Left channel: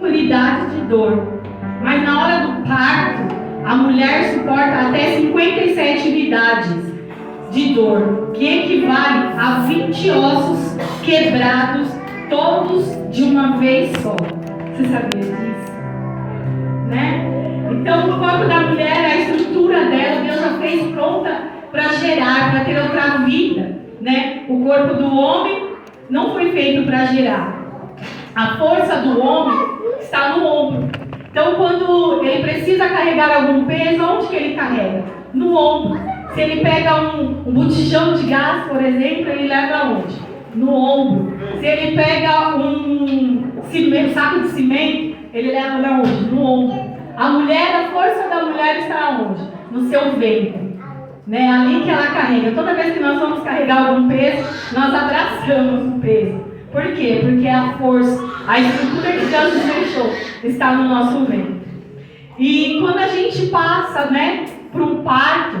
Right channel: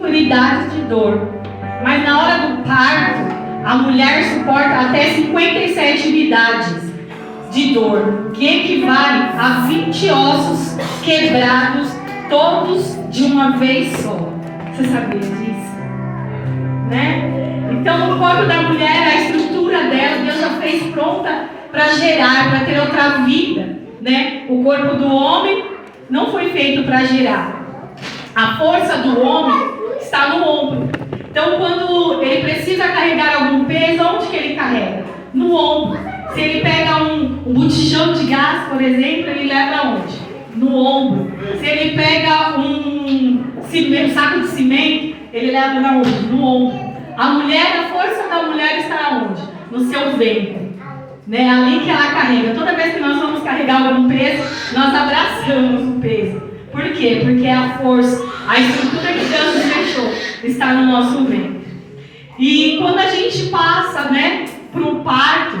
unidades de dor, mas na hora do parto, a mulher suporta até 57 unidades de dor, que equivale a 20 ossos quebrados, todos de uma vez só. Você sabia disso? Né? Então, o corpo da mulher, a estrutura dela, Deus já fez pronta para gerar, para ter outra vida. Né? O corpo do homem não foi feito para gerar. A força do homem está no ombro. Então, quando ele precisa carregar algum peso, onde que ele carrega? No ombro. Se ele pega um botijão de gás, por exemplo, ele leva onde? No ombro. Se ele pega um saco de cimento, ele leva na onde? No ombro. A mulher, a força da mulher está onde? No seu ventre. Né? Ali que ela carrega. Toda vez que nós vamos carregar algum peso, nós abraçamos o peso. Por quê? Porque a força, a estrutura que Deus nos deixou está no nosso ventre. E quando a gente passa, né, para o parto,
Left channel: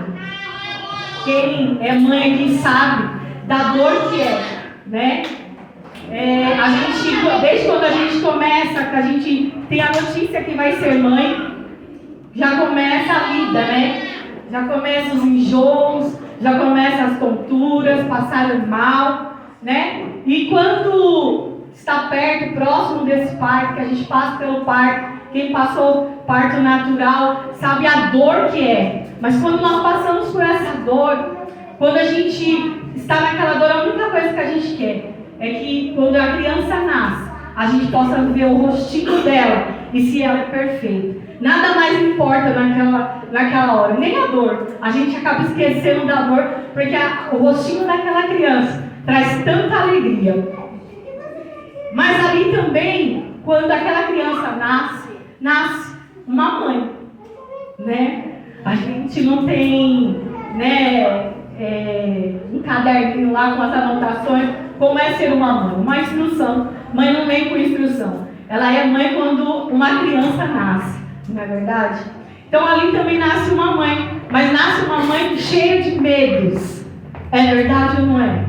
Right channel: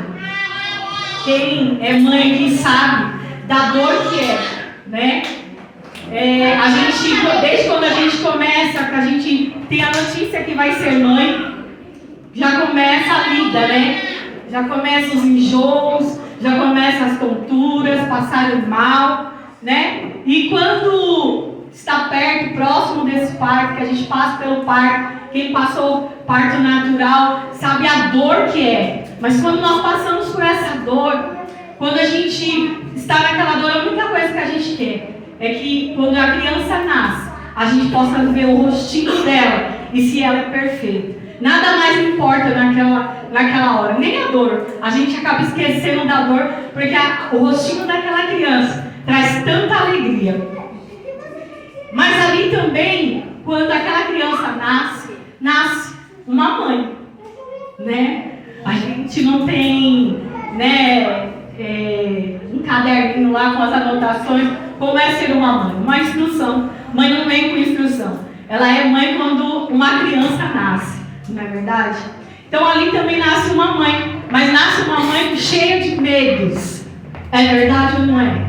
quem é mãe aqui sabe da dor que é, né? A gente, desde quando a gente começa, que a gente tem a notícia que vai ser mãe, já começa a vida, né? Já começa os enjoos, já começa as tonturas, passar mal, né? E quando está perto, próximo desse parto, que a gente passa pelo parto, quem passou parto natural sabe a dor que é. Mas quando nós passamos por essa dor, quando a gente está naquela dor, a única coisa que a gente quer é que quando a criança nasce, a gente possa ver o rostinho dela e se ela é perfeita. Nada mais importa naquela hora, nem a dor. A gente acaba esquecendo da dor, porque o rostinho daquela criança traz tanta alegria. Mas ali também, quando aquela criança nasce uma mãe, né? A gente não tem, né, um caderninho lá com as anotações, como é ser uma instrução. Mãe não vem com instrução. Ela é mãe quando uma criança nasce, não é verdade? Então ali também nasce uma mãe, mas nasce uma mãe cheia de medos. É verdade ou não é?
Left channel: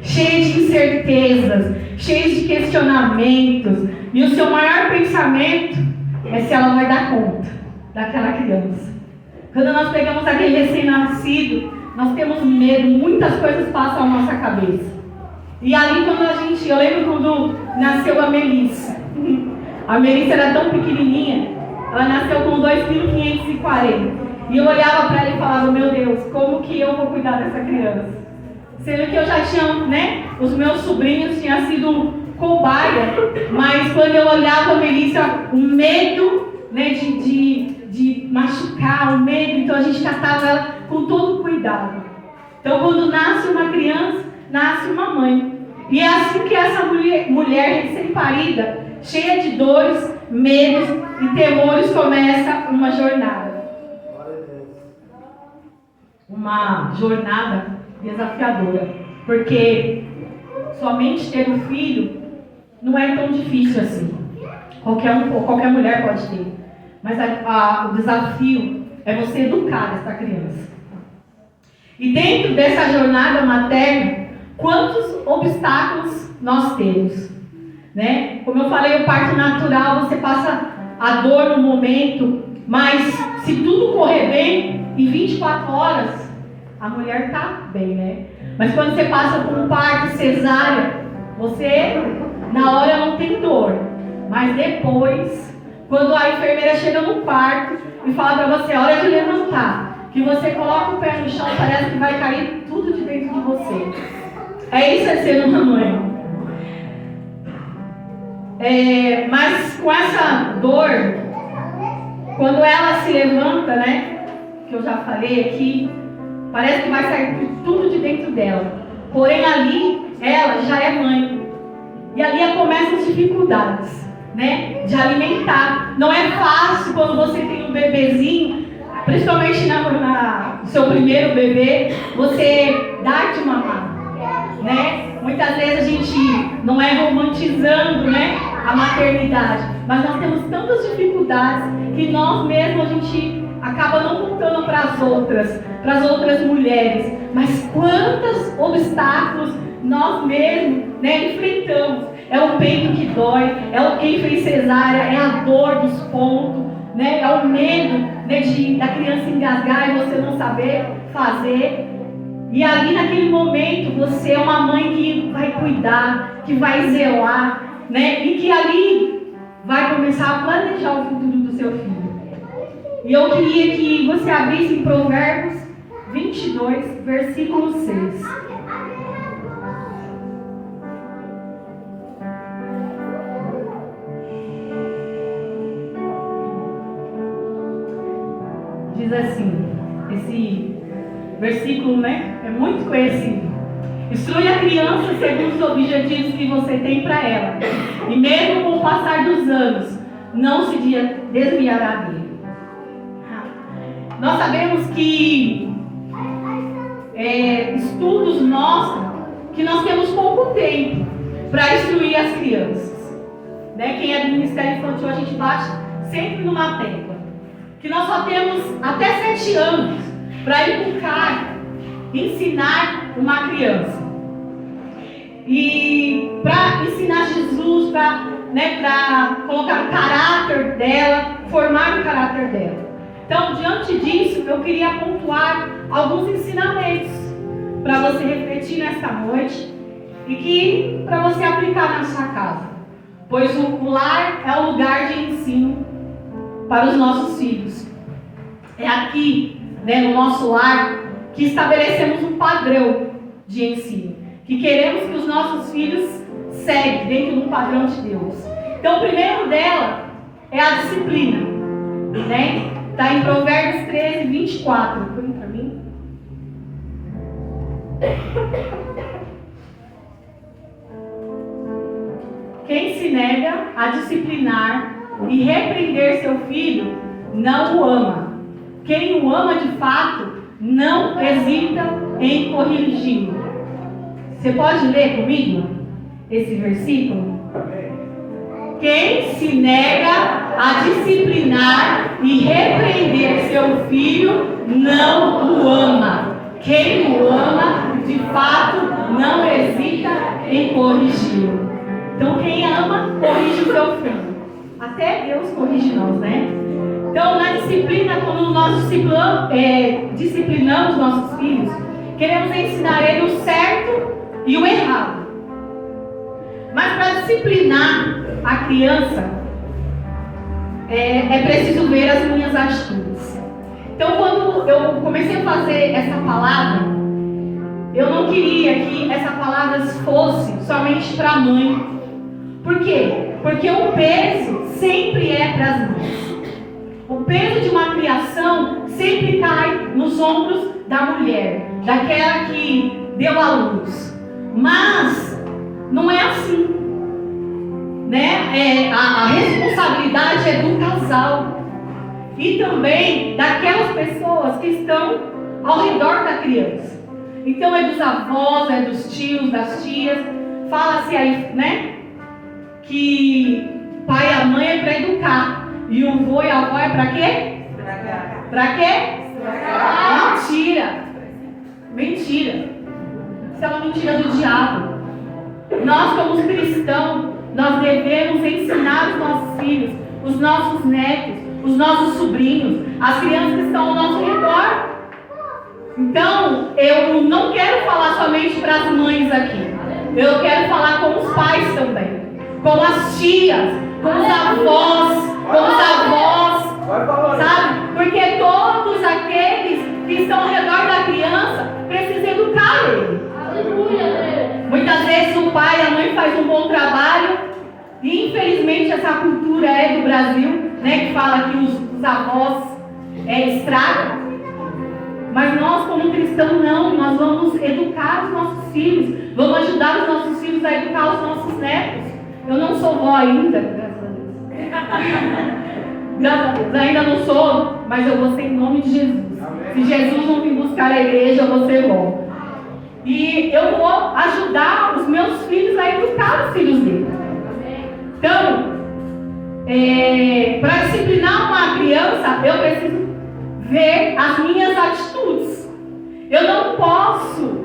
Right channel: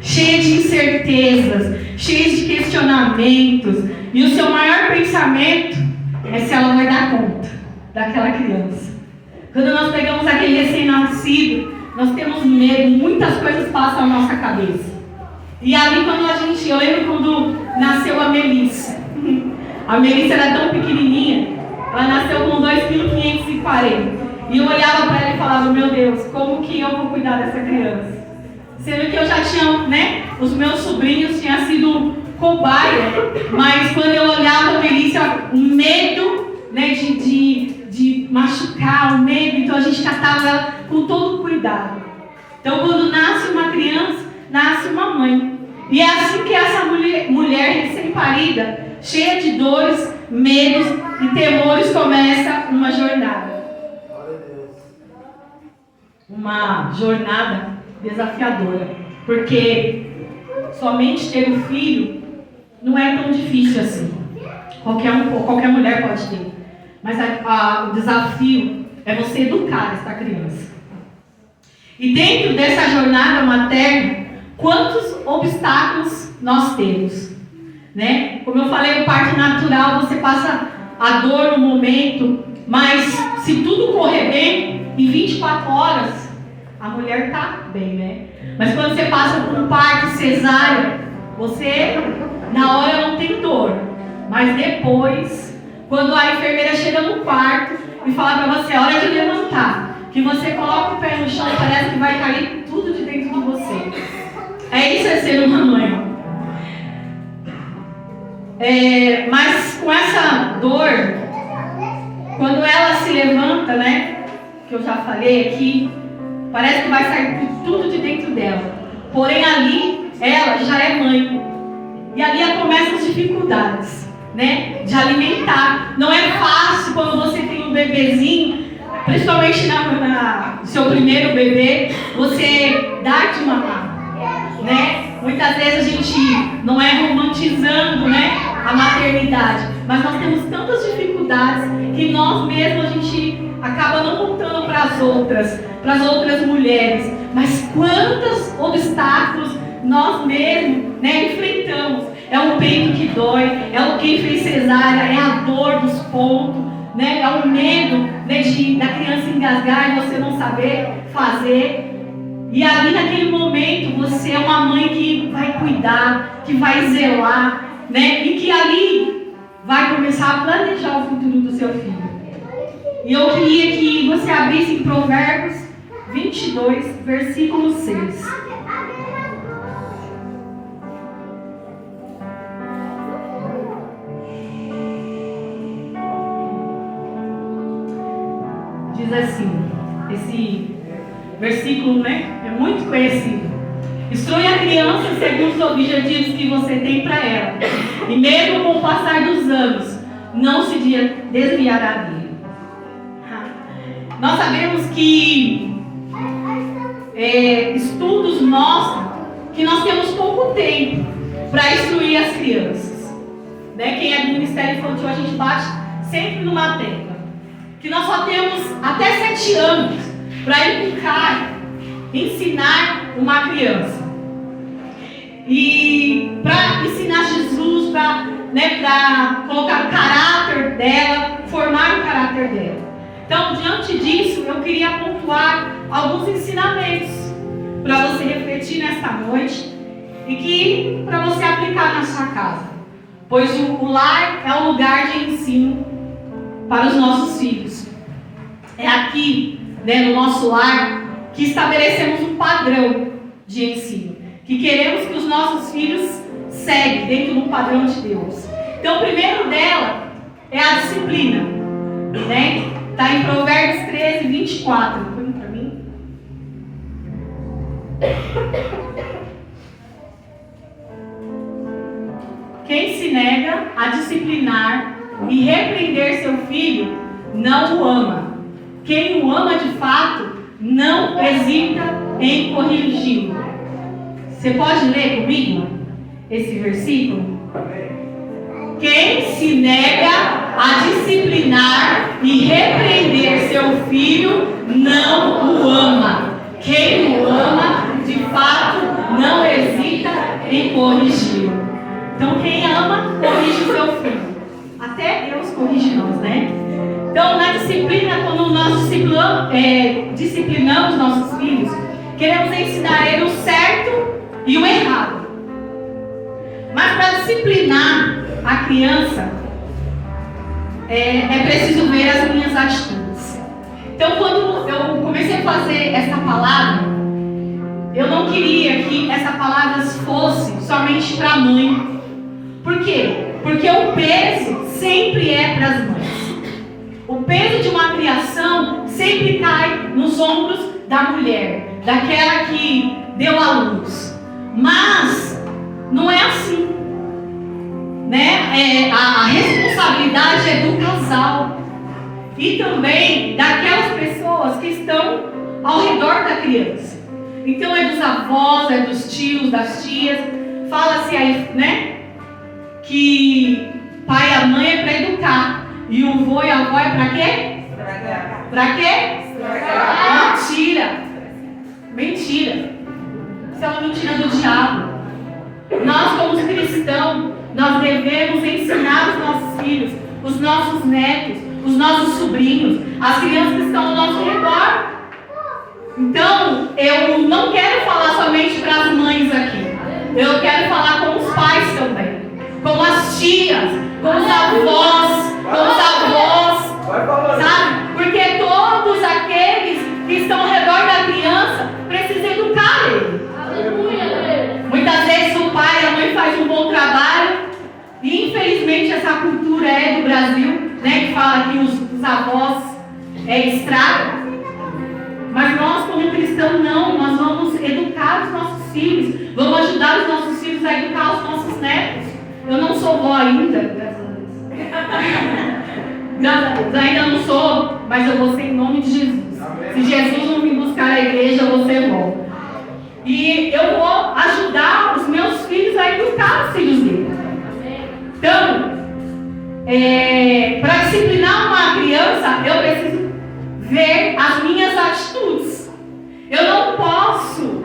Cheia de incertezas, cheia de questionamentos. E o seu maior pensamento é se ela vai dar conta daquela criança. Quando nós pegamos aquele recém-nascido, nós temos medo, muitas coisas passam na nossa cabeça. E ali eu lembro quando nasceu a Melissa. A Melissa era tão pequenininha, ela nasceu com 2,540 kg. E eu olhava para ela e falava, meu Deus, como que eu vou cuidar dessa criança? Sendo que eu já tinha, né, os meus sobrinhos tinham sido cobaia, mas quando eu olhava a Melissa, o medo, né, de machucar, o medo, então a gente tratava com todo cuidado. Então quando nasce uma criança, nasce uma mãe. E é assim que essa mulher recém-parida, cheia de dores, medos e temores, começa uma jornada. Uma jornada desafiadora. Porque somente ter um filho não é tão difícil assim. Qualquer mulher pode ter. Mas o desafio é você educar essa criança. E dentro dessa jornada materna, quantos obstáculos nós temos? Né? Como eu falei, o parto natural, você passa a dor no momento, mas se tudo correr bem, em 24 horas, a mulher está bem, né? Mas quando você passa por um parto cesárea, você, na hora, não tem dor. Mas depois, quando a enfermeira chega no quarto e fala para você, é hora de levantar, que você coloca o pé no chão e parece que vai cair tudo de dentro de você. Isso é ser uma mãe. Mas com essa dor, quando ela se levanta, né, que eu já falei aqui, parece que vai sair tudo de dentro dela. Porém ali, ela já é mãe. E ali começam as dificuldades, né, de alimentar. Não é fácil quando você tem um bebezinho, principalmente no seu primeiro bebê, você dá de mamar, né? Muitas vezes a gente não é romantizando, né, a maternidade, mas nós temos tantas dificuldades que nós mesmos a gente acaba não contando para as outras mulheres. Mas quantos obstáculos nós mesmos, né, enfrentamos. É o peito que dói, é o quem fez cesárea, é a dor dos pontos, né? É o medo, né, da criança engasgar e você não saber fazer. E ali naquele momento você é uma mãe que vai cuidar, que vai zelar, né? E que ali vai começar a planejar o futuro do seu filho. E eu queria que você abrisse em Provérbios 22, versículo 6. Diz assim, esse versículo, né, é muito conhecido. Instrui a criança segundo os objetivos que você tem para ela. E mesmo com o passar dos anos, não se desviará dele. Nós sabemos que estudos mostram que nós temos pouco tempo para instruir as crianças. Né? Quem é do Ministério Infantil, a gente bate sempre numa tecla. Que nós só temos até 7 anos para educar, ensinar uma criança. E para ensinar Jesus, para colocar o caráter dela, formar o caráter dela. Então, diante disso, eu queria pontuar alguns ensinamentos para você refletir nesta noite e que para você aplicar na sua casa. Pois o lar é um lugar de ensino para os nossos filhos. É aqui, né, no nosso lar, que estabelecemos um padrão de ensino, que queremos que os nossos filhos seguem dentro de um padrão de Deus. Então, o primeiro dela é a disciplina, né? Está em Provérbios 13, 24. Põe para mim. Quem se nega a disciplinar e repreender seu filho, não o ama. Quem o ama de fato, não hesita em corrigi-lo. Você pode ler comigo esse versículo? Quem se nega a disciplinar e repreender seu filho, não o ama. Quem o ama, de fato, não hesita em corrigi-lo. Então, quem ama, corrige o seu filho. Até Deus corrige nós, né? Então, na disciplina, quando nós disciplinamos nossos filhos, queremos ensinar ele o certo e o errado. Mas para disciplinar a criança, é preciso ver as minhas atitudes. Então, quando eu comecei a fazer essa palavra, eu não queria que essa palavra fosse somente para a mãe. Por quê? Porque o peso sempre é para as mães. O peso de uma criação sempre cai nos ombros da mulher, daquela que deu à luz. Mas não é assim, né? A responsabilidade é do casal e também daquelas pessoas que estão ao redor da criança. Então é dos avós, é dos tios, das tias. Fala-se aí, né? Que pai e a mãe é para educar. E o vô e a avó é para quê? Para quê? Mentira. Mentira. Isso é uma mentira do diabo. Nós, como cristãos, nós devemos ensinar os nossos filhos, os nossos netos, os nossos sobrinhos, as crianças que estão ao nosso redor. Então, eu não quero falar somente para as mães aqui. Eu quero falar com os pais também, com as tias, com os avós, sabe? Porque todos aqueles que estão ao redor da criança precisam educar ele. Aleluia. Muitas vezes o pai e a mãe fazem um bom trabalho e infelizmente essa cultura é do Brasil, né? Que fala que os avós estragam. Mas nós, como cristãos, não. Nós vamos educar os nossos filhos, vamos ajudar os nossos filhos a educar os nossos netos. Eu não sou vó ainda, graças a Deus. Graças a Deus, ainda não sou, mas eu vou ser em nome de Jesus. Amém. Se Jesus não me buscar na igreja, eu vou ser vó. E eu vou ajudar os meus filhos a educar os filhos dele. Amém. Então, para disciplinar uma criança, eu preciso ver as minhas atitudes. Eu não posso,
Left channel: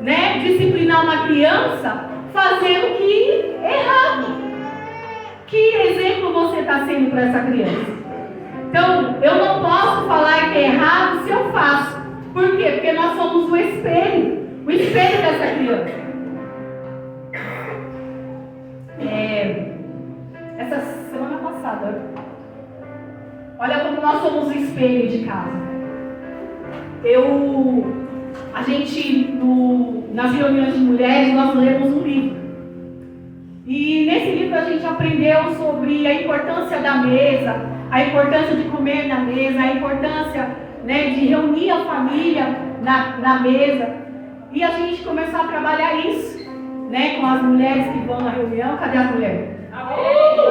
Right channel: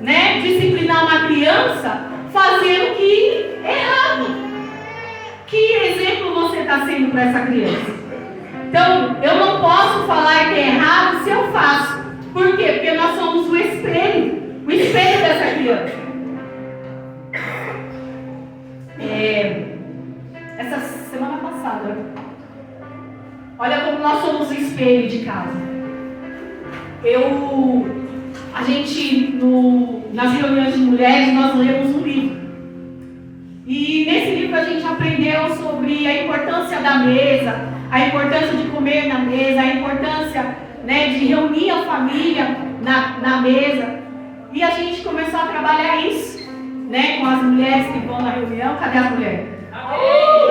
né, disciplinar uma criança fazendo o que é errado. Que exemplo você está sendo para essa criança. Então, eu não posso falar que é errado se eu faço. Por quê? Porque nós somos o espelho dessa criança. Essa semana passada, olha como nós somos o espelho de casa. A gente, nas reuniões de mulheres, nós lemos um livro. E nesse livro a gente aprendeu sobre a importância da mesa, a importância de comer na mesa, a importância, né, de reunir a família na mesa. E a gente começou a trabalhar isso, né, com as mulheres que vão na reunião. Cadê as mulheres?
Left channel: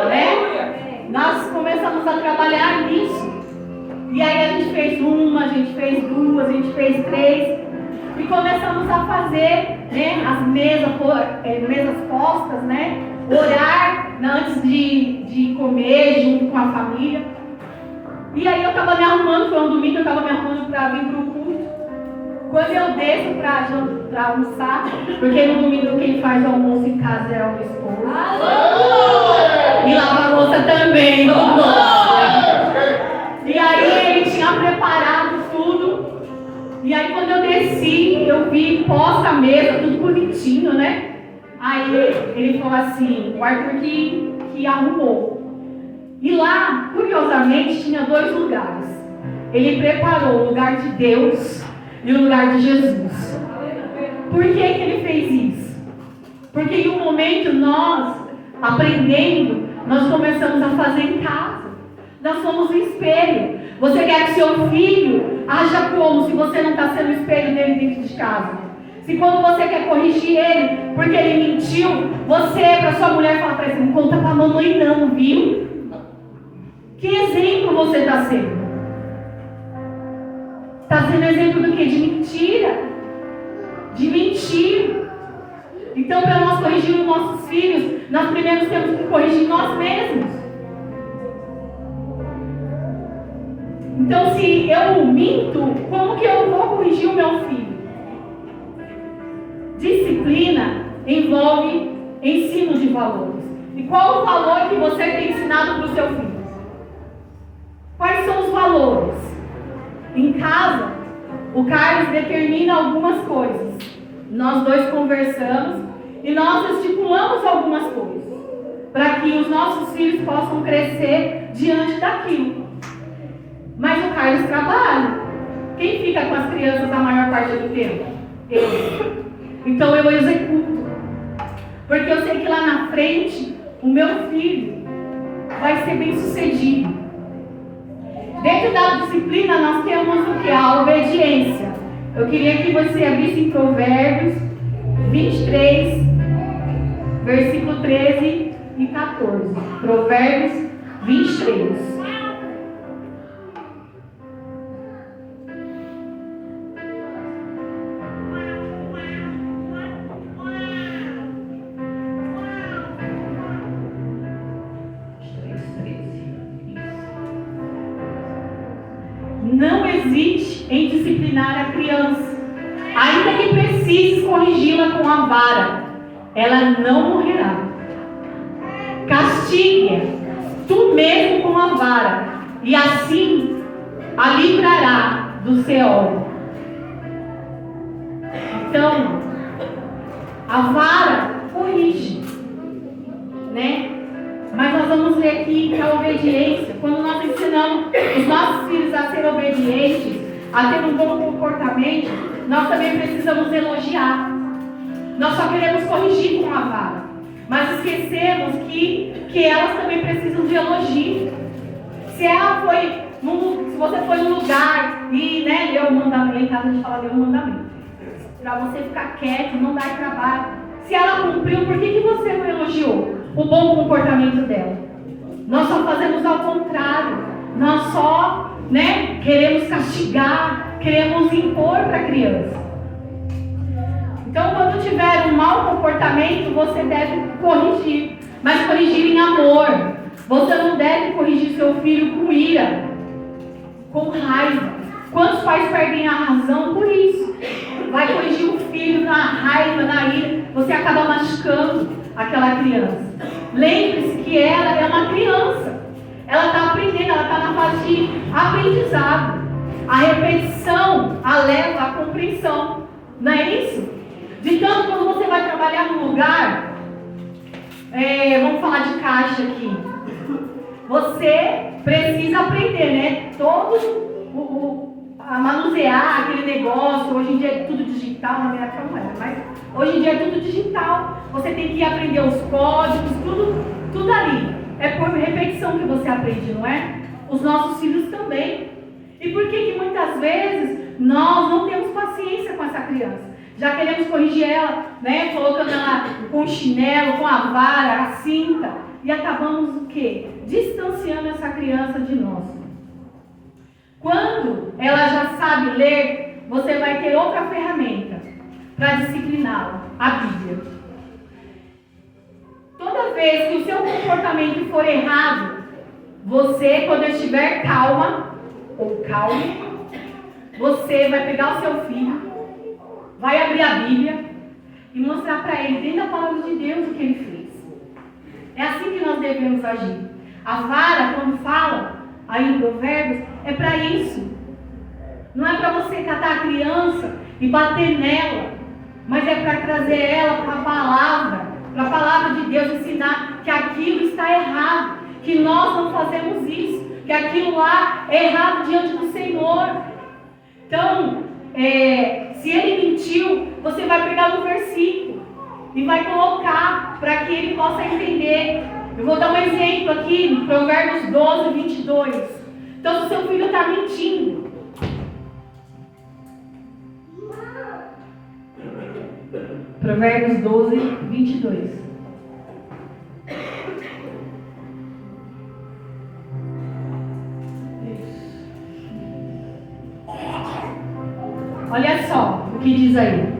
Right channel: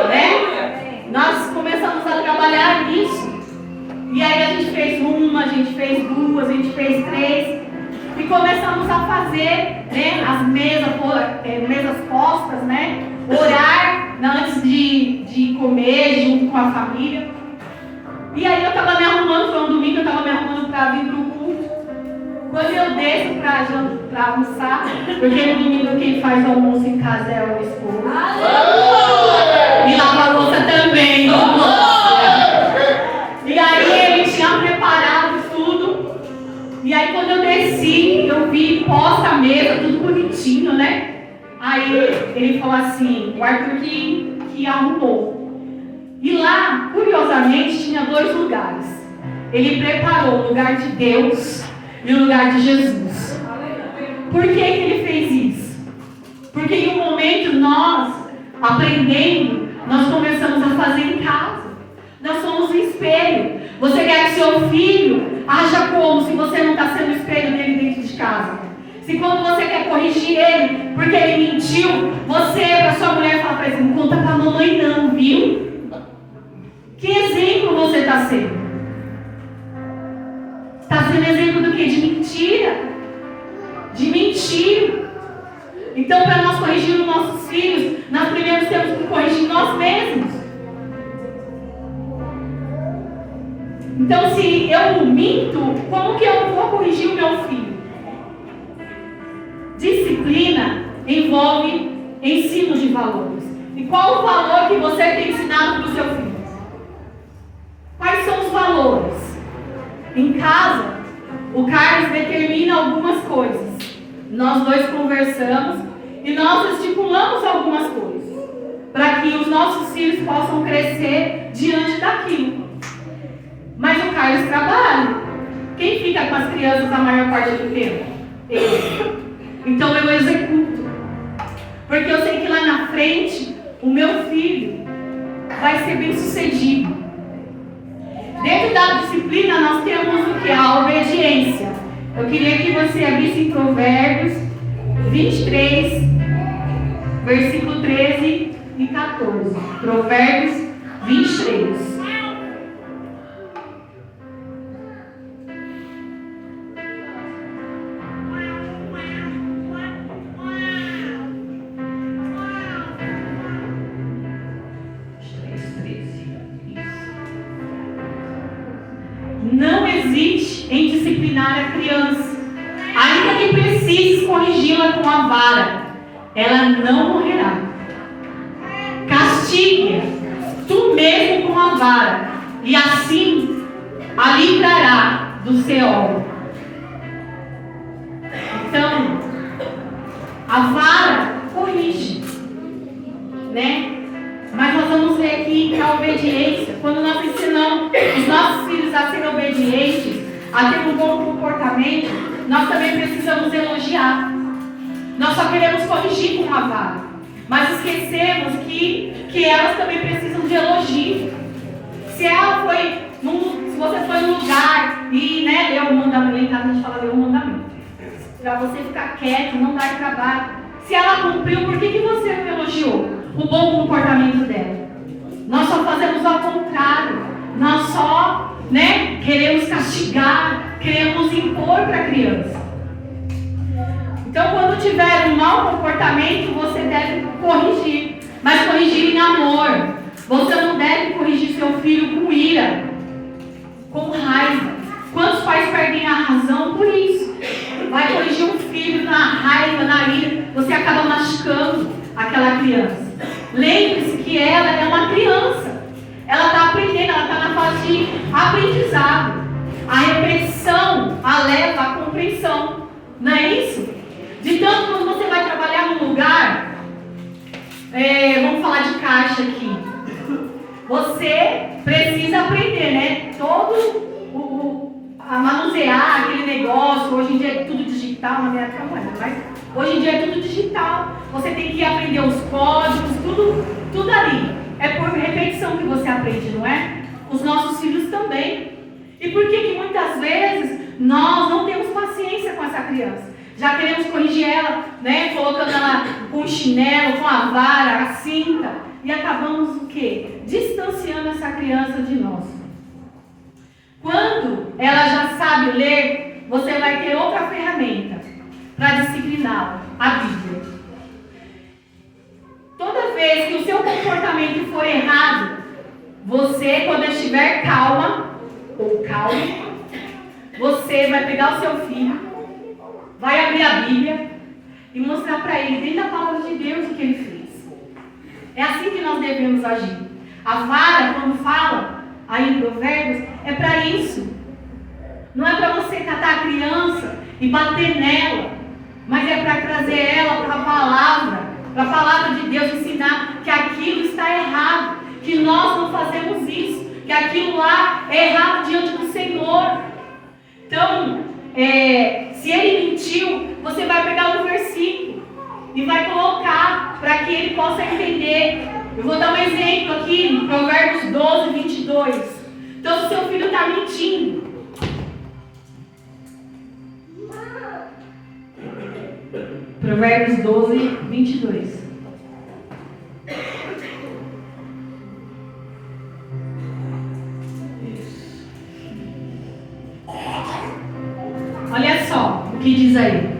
Né? Nós começamos a trabalhar nisso. E aí a gente fez uma, a gente fez duas, a gente fez três. E começamos a fazer, né, as mesas postas, né? Orar antes de comer, junto com a família. E aí eu estava me arrumando, foi um domingo, eu estava me arrumando para vir para o culto. Quando eu desço para almoçar, porque no domingo quem faz o almoço em casa é o esposo. E lava a louça também. E aí ele tinha preparado tudo. E aí quando eu desci, eu vi posta a mesa, tudo bonitinho, né? Aí ele falou assim, o Arthur que arrumou. E lá, curiosamente, tinha 2 lugares. Ele preparou o lugar de Deus e o lugar de Jesus. Por que ele fez isso? Porque em um momento nós, aprendendo, nós começamos a fazer em casa. Nós somos um espelho. Você quer que seu filho haja como se você não está sendo o espelho dele dentro de casa? Se quando você quer corrigir ele porque ele mentiu, você, para sua mulher, fala para ele, não conta para a mamãe não, viu? Que exemplo você está sendo? Está sendo exemplo do quê? De mentira. De mentira. Então, para nós corrigir os nossos filhos, nós primeiro temos que corrigir nós mesmos. Então, se eu minto, como que eu vou corrigir o meu filho? Disciplina envolve ensino de valores. E qual o valor que você tem ensinado para o seu filho? Quais são os valores? Em casa, o Carlos determina algumas coisas. Nós 2 conversamos e nós estipulamos algumas coisas para que os nossos filhos possam crescer diante daquilo. Mas o Carlos trabalha. Quem fica com as crianças a maior parte do tempo? Eu. Então eu executo. Porque eu sei que lá na frente, o meu filho vai ser bem sucedido. Dentro da disciplina, nós temos o que? A obediência. Eu queria que você abrisse em Provérbios 23, versículo 13 e 14. Provérbios 23. Não hesite em disciplinar a criança, ainda que precises corrigi-la com a vara, ela não morrerá. Castigue tu mesmo com a vara, e assim a livrará do Seol. Então, a vara corrige, né? Mas nós vamos ver aqui que a obediência, quando nós ensinamos os nossos filhos a serem obedientes, a ter um bom comportamento, nós também precisamos elogiar. Nós só queremos corrigir com a vara, mas esquecemos que elas também precisam de elogio. Se você foi num lugar e leu o mandamento, em casa a gente fala ler o mandamento, para você ficar quieto, não dar trabalho. Se ela cumpriu, por que você não elogiou o bom comportamento dela? Nós só fazemos ao contrário. Nós só queremos castigar, queremos impor para a criança. Então, quando tiver um mau comportamento, você deve corrigir, mas corrigir em amor. Você não deve corrigir seu filho com ira, com raiva. Quantos pais perdem a razão por isso? Vai corrigir um filho na raiva, na ira, você acaba machucando aquela criança. Lembre-se que ela é uma criança. Ela está repetição. Não é isso? De tanto quando você vai trabalhar num lugar, vamos falar de caixa aqui. Você precisa aprender, né? A manusear aquele negócio. Hoje em dia é tudo digital, na minha época não era, mas hoje em dia é tudo digital. Você tem que aprender os códigos, tudo ali. É por repetição que você aprende, não é? Os nossos filhos também. E por que muitas vezes nós não temos paciência com essa criança? Já queremos corrigir ela, né? Colocando ela com o chinelo, com a vara, a cinta. E acabamos o quê? Distanciando essa criança de nós. Quando ela já sabe ler, você vai ter outra ferramenta para discipliná-la, a Bíblia. Toda vez que o seu comportamento for errado, você, quando estiver calma, ou calme, você vai pegar o seu filho, vai abrir a Bíblia e mostrar para ele, dentro da palavra de Deus, o que ele fez. É assim que nós devemos agir. A vara, quando fala aí em Provérbios, é para isso. Não é para você catar a criança e bater nela, mas é para trazer ela para a palavra de Deus, ensinar que aquilo está errado, que nós não fazemos isso, que aquilo lá é errado diante do Senhor. Então, se ele mentiu, você vai pegar um versículo e vai colocar para que ele possa entender. Eu vou dar um exemplo aqui, em Provérbios 12, 22. Então, se seu filho está mentindo, Provérbios 12, 22. Olha só o que diz aí.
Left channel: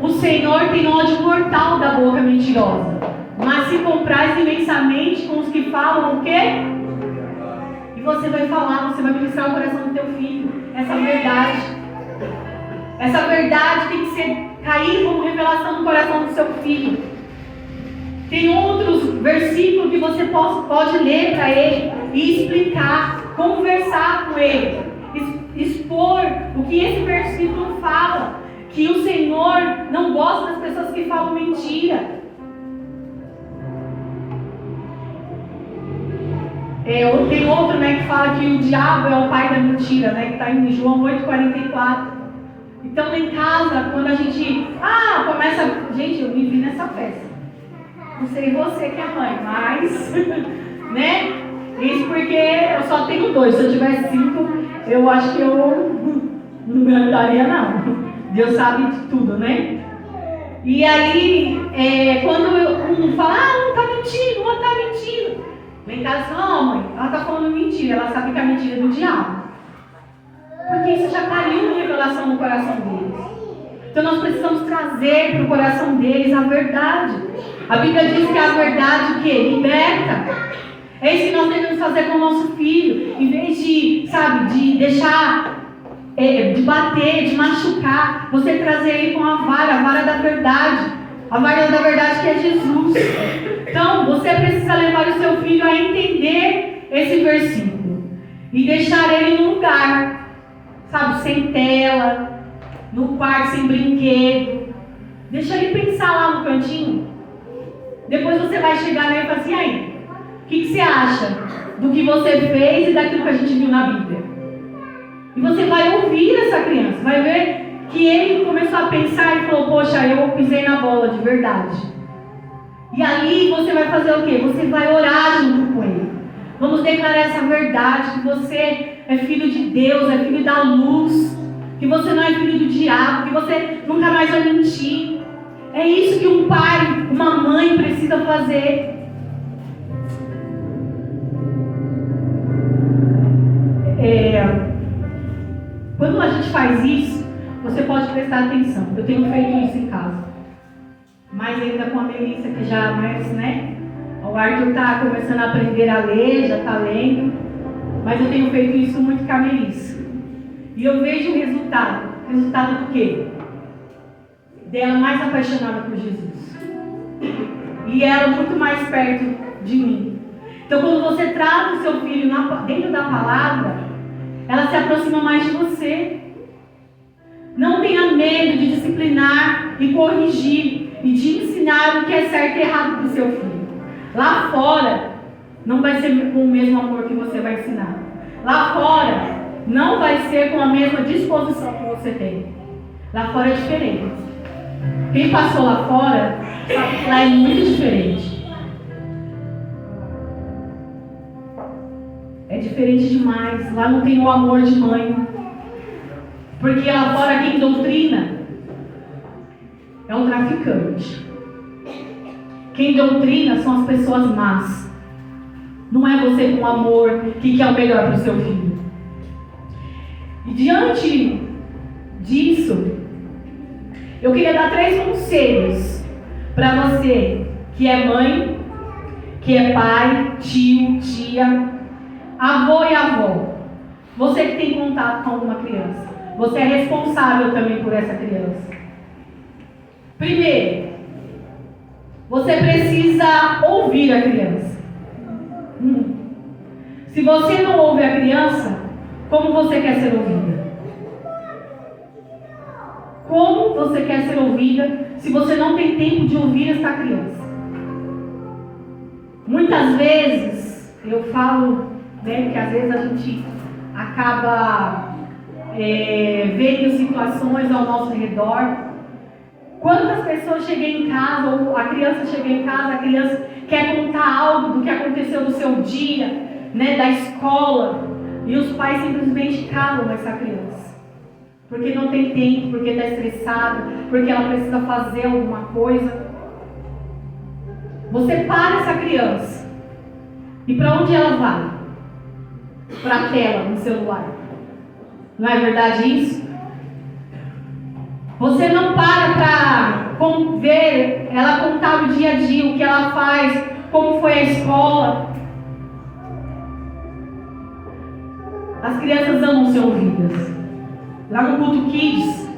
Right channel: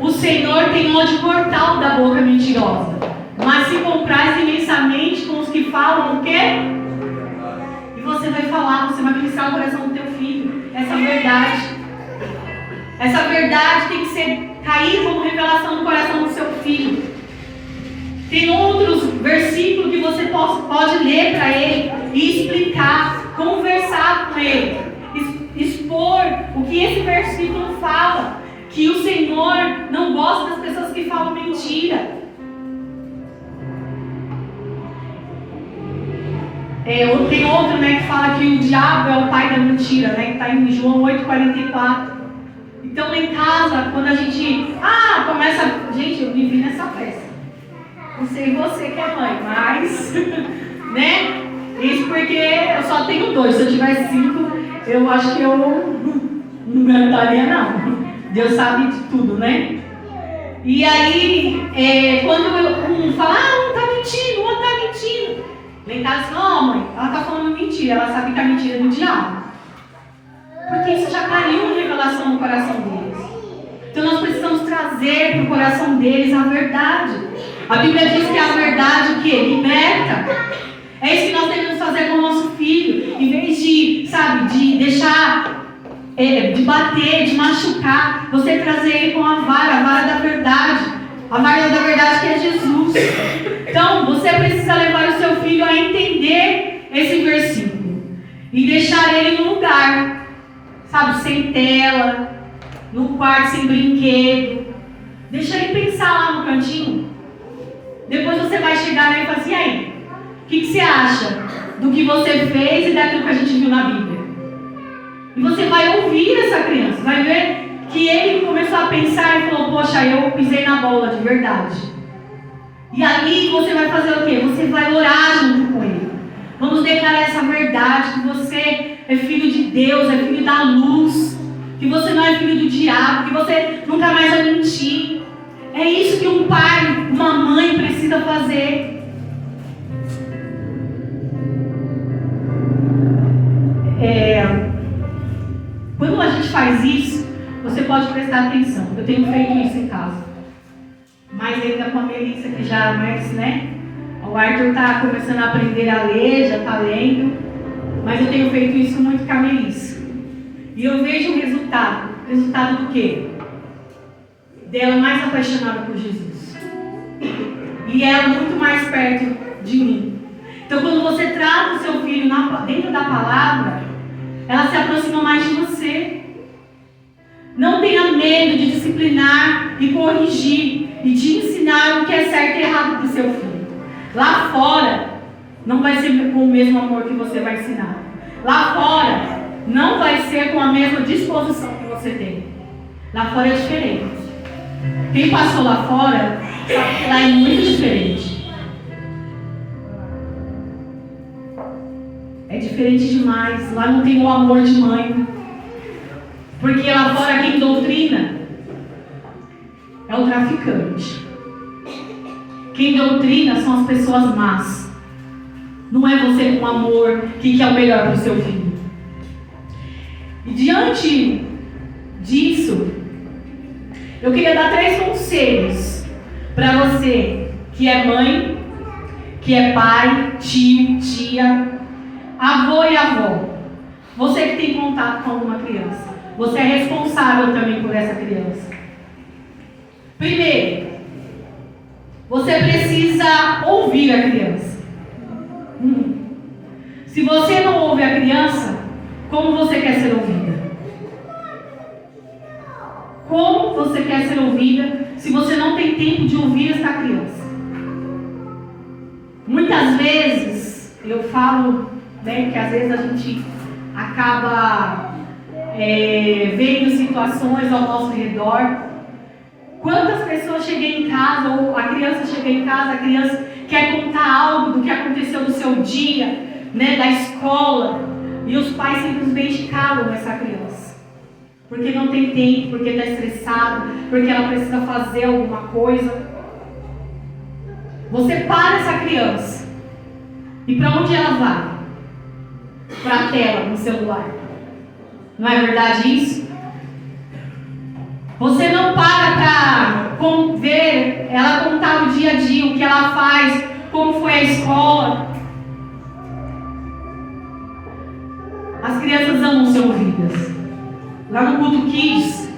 O Senhor tem ódio mortal da boca mentirosa, mas se compraz imensamente com os que falam o quê? E você vai falar, você vai ministrar o coração do teu filho essa verdade. Essa verdade tem que cair como revelação no coração do seu filho. Tem outros versículos que você pode ler para ele e explicar, conversar com ele, expor o que esse versículo fala, que o Senhor não gosta das pessoas que falam mentira. Tem outro, né, que fala que o diabo é o pai da mentira, né, que está em João 8,44. Então, em casa, quando a gente começa... Gente, eu vivi nessa festa. Não sei você que é mãe, mas... né? Isso porque eu só tenho 2. Se eu tivesse 5, eu acho que eu não me aguentaria, não. Deus sabe de tudo, né? E aí, quando um fala, não está mentindo, não está mentindo. Lá em casa, não, mãe, ela está falando mentira. Ela sabe que a mentira é do diabo. Porque isso já caiu em revelação no coração deles. Então nós precisamos trazer para o coração deles a verdade. A Bíblia diz que a verdade o quê? Liberta. É isso que nós devemos fazer com o nosso filho. Em vez de, de deixar, de bater, de machucar, você trazer ele com a vara da verdade. A vara da verdade que é Jesus. Então você precisa levar o seu filho a entender esse versículo. E deixar ele num lugar. Sem tela, no quarto sem brinquedo. Deixa ele pensar lá no cantinho. Depois você vai chegar aí e falar assim, aí, o que você acha do que você fez e daquilo que a gente viu na Bíblia? E você vai ouvir essa criança, vai ver que ele começou a pensar e falou, poxa, eu pisei na bola de verdade. E ali você vai fazer o quê? Você vai orar junto com ele. Vamos declarar essa verdade, que você é filho de Deus, é filho da luz, que você não é filho do diabo, que você nunca mais vai mentir. É isso que um pai, uma mãe precisa fazer. Quando a gente faz isso, você pode prestar atenção. Eu tenho feito isso em casa. Mas ainda com a Melissa, que já mais, né? O Arthur está começando a aprender a ler, já está lendo. Mas eu tenho feito isso muito com a Melissa. E eu vejo o resultado. Resultado do quê? Dela mais apaixonada por Jesus. E ela muito mais perto de mim. Então, quando você trata o seu filho dentro da palavra, ela se aproxima mais de você. Não tenha medo de disciplinar e corrigir e de ensinar o que é certo e errado para o seu filho. Lá fora, não vai ser com o mesmo amor que você vai ensinar. Lá fora, não vai ser com a mesma disposição que você tem. Lá fora é diferente. Quem passou lá fora sabe que lá é muito diferente. É diferente demais. Lá não tem o amor de mãe. Porque lá fora quem doutrina é o traficante. Quem doutrina são as pessoas más. Não é você com amor que quer o melhor para o seu filho. E diante disso, eu queria dar 3 conselhos para você que é mãe, que é pai, tio, tia, avô e avó. Você que tem contato com alguma criança. Você é responsável também por essa criança. Primeiro, você precisa ouvir a criança. Se você não ouve a criança, como você quer ser ouvida? Como você quer ser ouvida se você não tem tempo de ouvir essa criança? Muitas vezes, eu falo, né, que às vezes a gente acaba vendo situações ao nosso redor. Quantas pessoas chegam em casa, ou a criança chega em casa, a criança quer contar algo do que aconteceu no seu dia, né, da escola, e os pais simplesmente calam essa criança. Porque não tem tempo, porque está estressado, porque ela precisa fazer alguma coisa. Você para essa criança. E para onde ela vai? Para a tela, no celular. Não é verdade isso? Você não para ver ela contar o dia a dia, o que ela faz, como foi a escola. As crianças amam ser ouvidas. Lá no Culto Kids,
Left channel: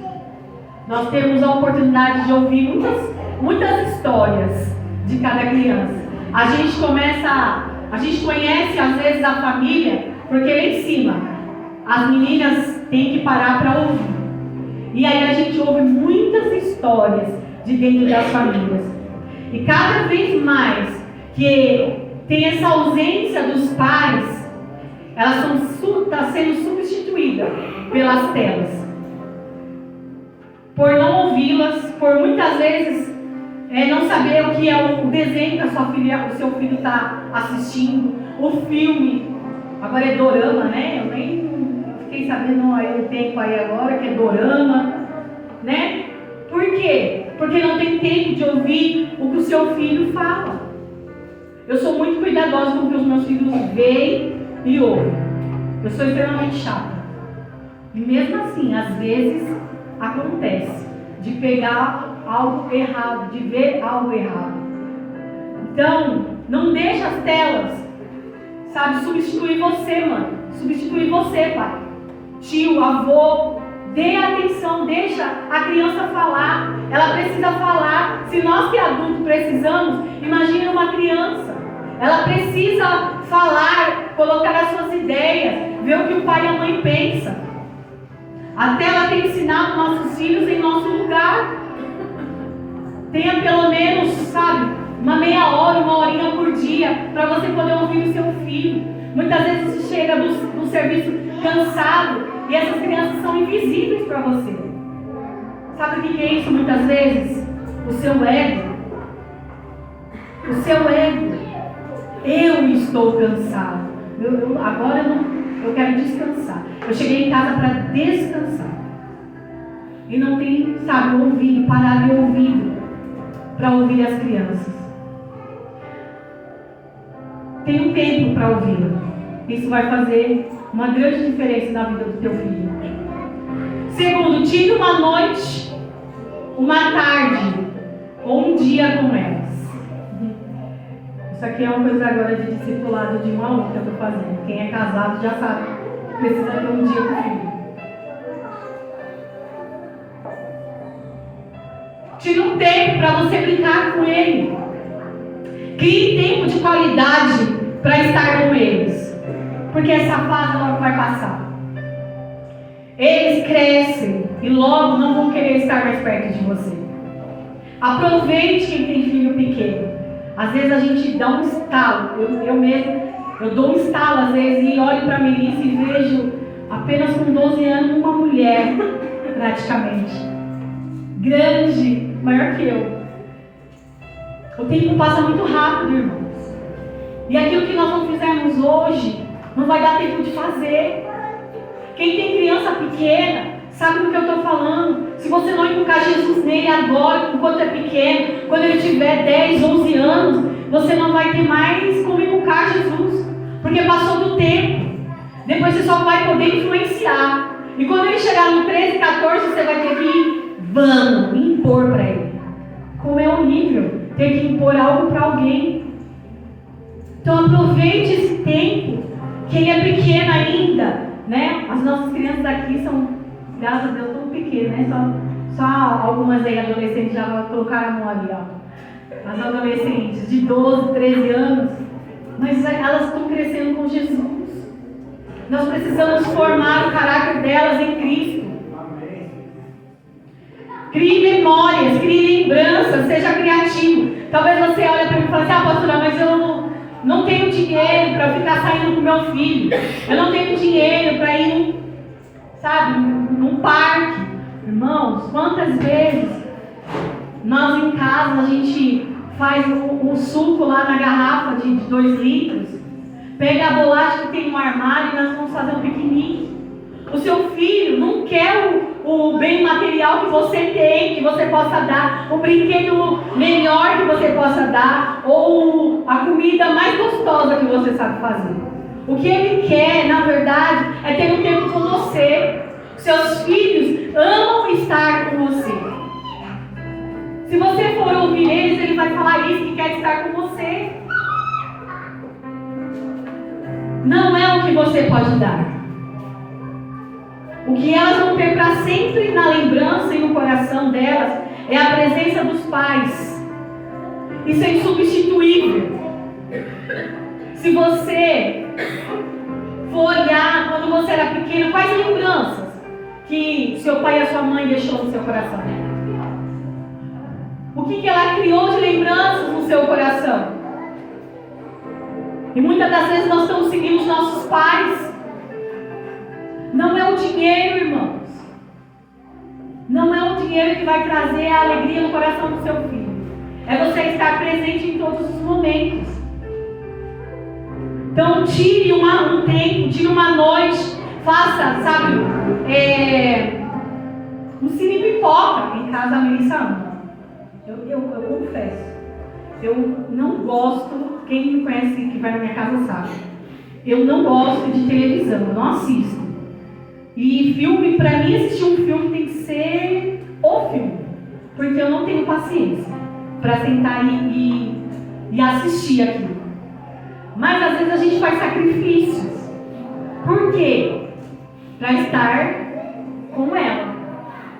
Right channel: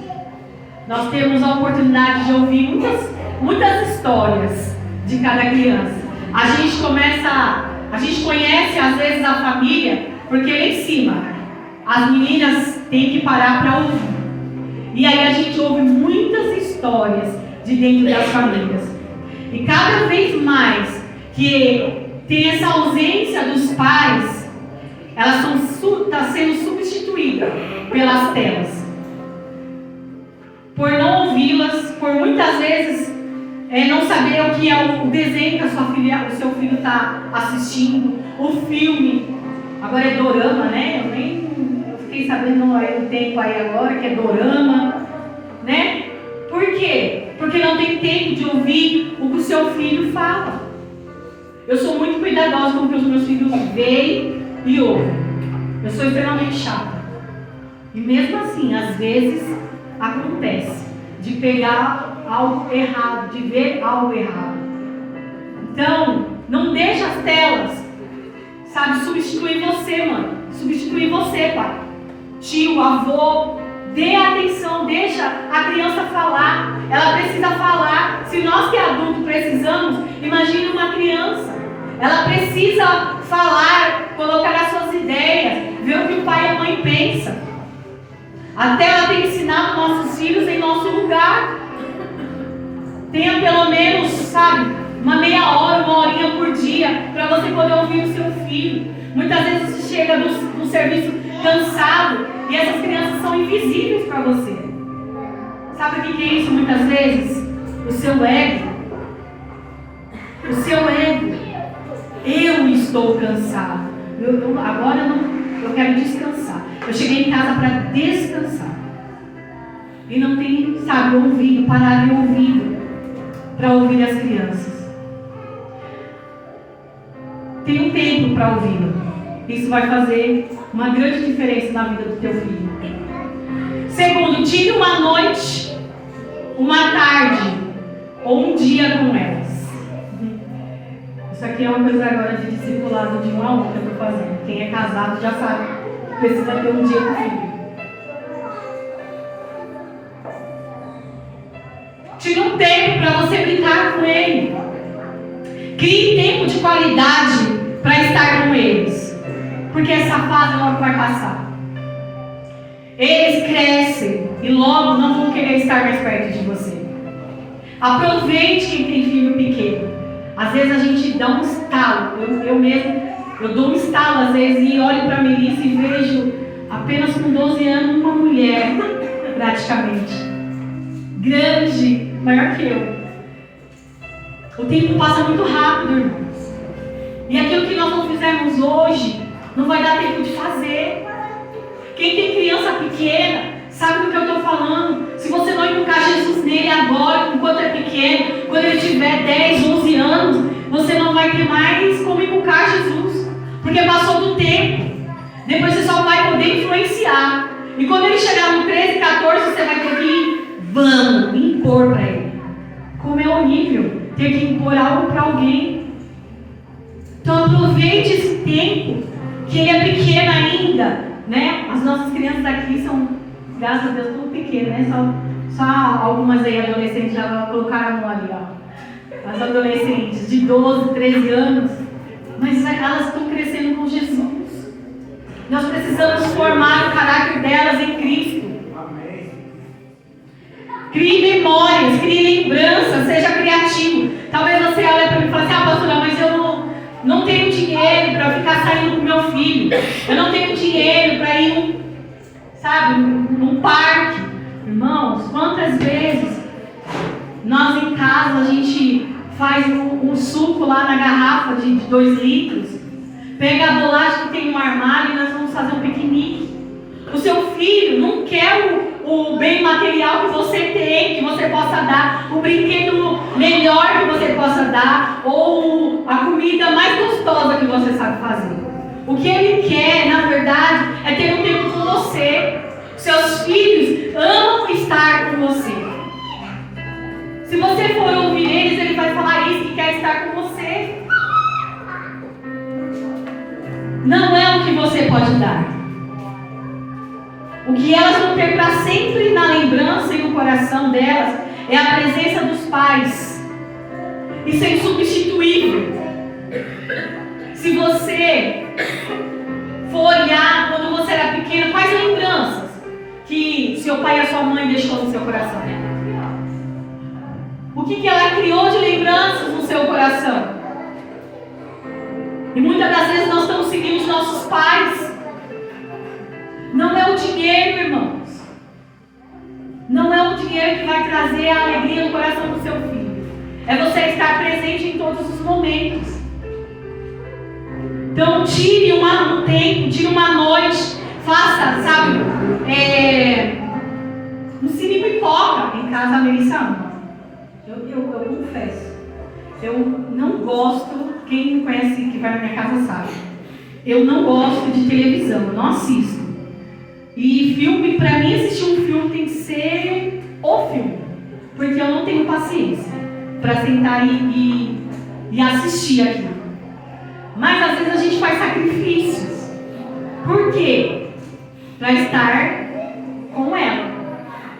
nós temos a oportunidade de ouvir muitas histórias de cada criança. A gente conhece às vezes a família, porque lá em cima as meninas têm que parar para ouvir. E aí a gente ouve muitas histórias de dentro das famílias. E cada vez mais que tem essa ausência dos pais, elas está sendo substituídas pelas telas. Por não ouvi-las, por muitas vezes não saber o que é o desenho que o seu filho está assistindo, o filme. Agora é dorama, né? Eu nem fiquei sabendo o tempo aí agora que é dorama, né? Por quê? Porque não tem tempo de ouvir o que o seu filho fala. Eu sou muito cuidadosa com o que os meus filhos veem e ouvem. Eu sou extremamente chata. E mesmo assim, às vezes, acontece de pegar algo errado, de ver algo errado. Então, não deixa as telas, substituir você, mano. Substituir você, pai. Tio, avô. Dê atenção, deixa a criança falar. Ela precisa falar. Se nós que adultos precisamos, imagina uma criança. Ela precisa falar, colocar as suas ideias, ver o que o pai e a mãe pensam. Até ela tem que ensinar os nossos filhos em nosso lugar. Tenha pelo menos, uma meia hora, uma horinha por dia, para você poder ouvir o seu filho. Muitas vezes você chega no serviço cansado e essas crianças são invisíveis para você. Sabe o que é isso muitas vezes? O seu ego. O seu ego. Eu estou cansado. Eu quero descansar. Eu cheguei em casa para descansar. E não tem, ouvido, parar de ouvido para ouvir as crianças. Tem um tempo para ouvi-lo. Isso vai fazer uma grande diferença na vida do teu filho. Segundo, tire uma noite, uma tarde ou um dia com elas. Isso aqui é uma coisa agora de discipulado de 1 a 1 que eu estou fazendo. Quem é casado já sabe. Precisa ter um dia com o filho. Tire um tempo para você brincar com ele. Crie tempo de qualidade para estar com eles. Porque essa fase logo vai passar. Eles crescem e logo não vão querer estar mais perto de você. Aproveite quem tem filho pequeno. Às vezes a gente dá um estalo. Eu dou um estalo às vezes e olho para a Melissa e vejo apenas com 12 anos uma mulher, praticamente. Grande, maior que eu. O tempo passa muito rápido, irmãos. E aquilo que nós não fizermos hoje, não vai dar tempo de fazer. Quem tem criança pequena, sabe do que eu estou falando. Se você não inculcar Jesus nele agora, enquanto é pequeno, quando ele tiver 10, 11 anos, você não vai ter mais como inculcar Jesus. Porque passou do tempo. Depois você só vai poder influenciar. E quando ele chegar no 13, 14, você vai ter que impor para ele. Como é horrível ter que impor algo para alguém. Então aproveite esse tempo, que ele é pequeno ainda, né? As nossas crianças aqui são, graças a Deus, tão pequenas, né? Só algumas aí adolescentes já colocaram a mão ali, ó. As adolescentes de 12, 13 anos, mas elas estão crescendo com Jesus. Nós precisamos formar o caráter delas em Cristo. Crie memórias, crie lembranças, seja criativo. Talvez você olhe para mim e fale assim, pastora, mas eu não tenho dinheiro para ficar saindo com meu filho. Eu não tenho dinheiro para ir, num parque. Irmãos, quantas vezes nós em casa a gente faz um suco lá na garrafa de 2 litros, pega a bolacha que tem no armário e nós vamos fazer um piquenique. O seu filho não quer o bem material que você tem, que você possa dar, o brinquedo melhor que você possa dar, ou a comida mais gostosa que você sabe fazer. O que ele quer, na verdade, é ter um tempo com você. Seus filhos amam estar com você. Se você for ouvir eles, ele vai falar isso, que quer estar com você. Não é o que você pode dar. O que elas vão ter para sempre na lembrança e no coração delas é a presença dos pais. Isso é insubstituível. Se você for olhar quando você era pequeno, quais lembranças que seu pai e a sua mãe deixou no seu coração? O que ela criou de lembranças no seu coração? E muitas das vezes nós estamos seguindo os nossos pais. Não é o dinheiro, irmãos. Não é o dinheiro que vai trazer a alegria no coração do seu filho. É você estar presente em todos os momentos. Então tire um tempo, tire uma noite, faça, um cine pipoca em casa. A Melissa ama. Eu confesso, eu não gosto, quem me conhece que vai na minha casa sabe, eu não gosto de televisão, eu não assisto. E filme, pra mim assistir um filme tem que ser o filme, porque eu não tenho paciência para sentar e assistir aquilo. Mas às vezes a gente faz sacrifícios. Por quê? Para estar com ela.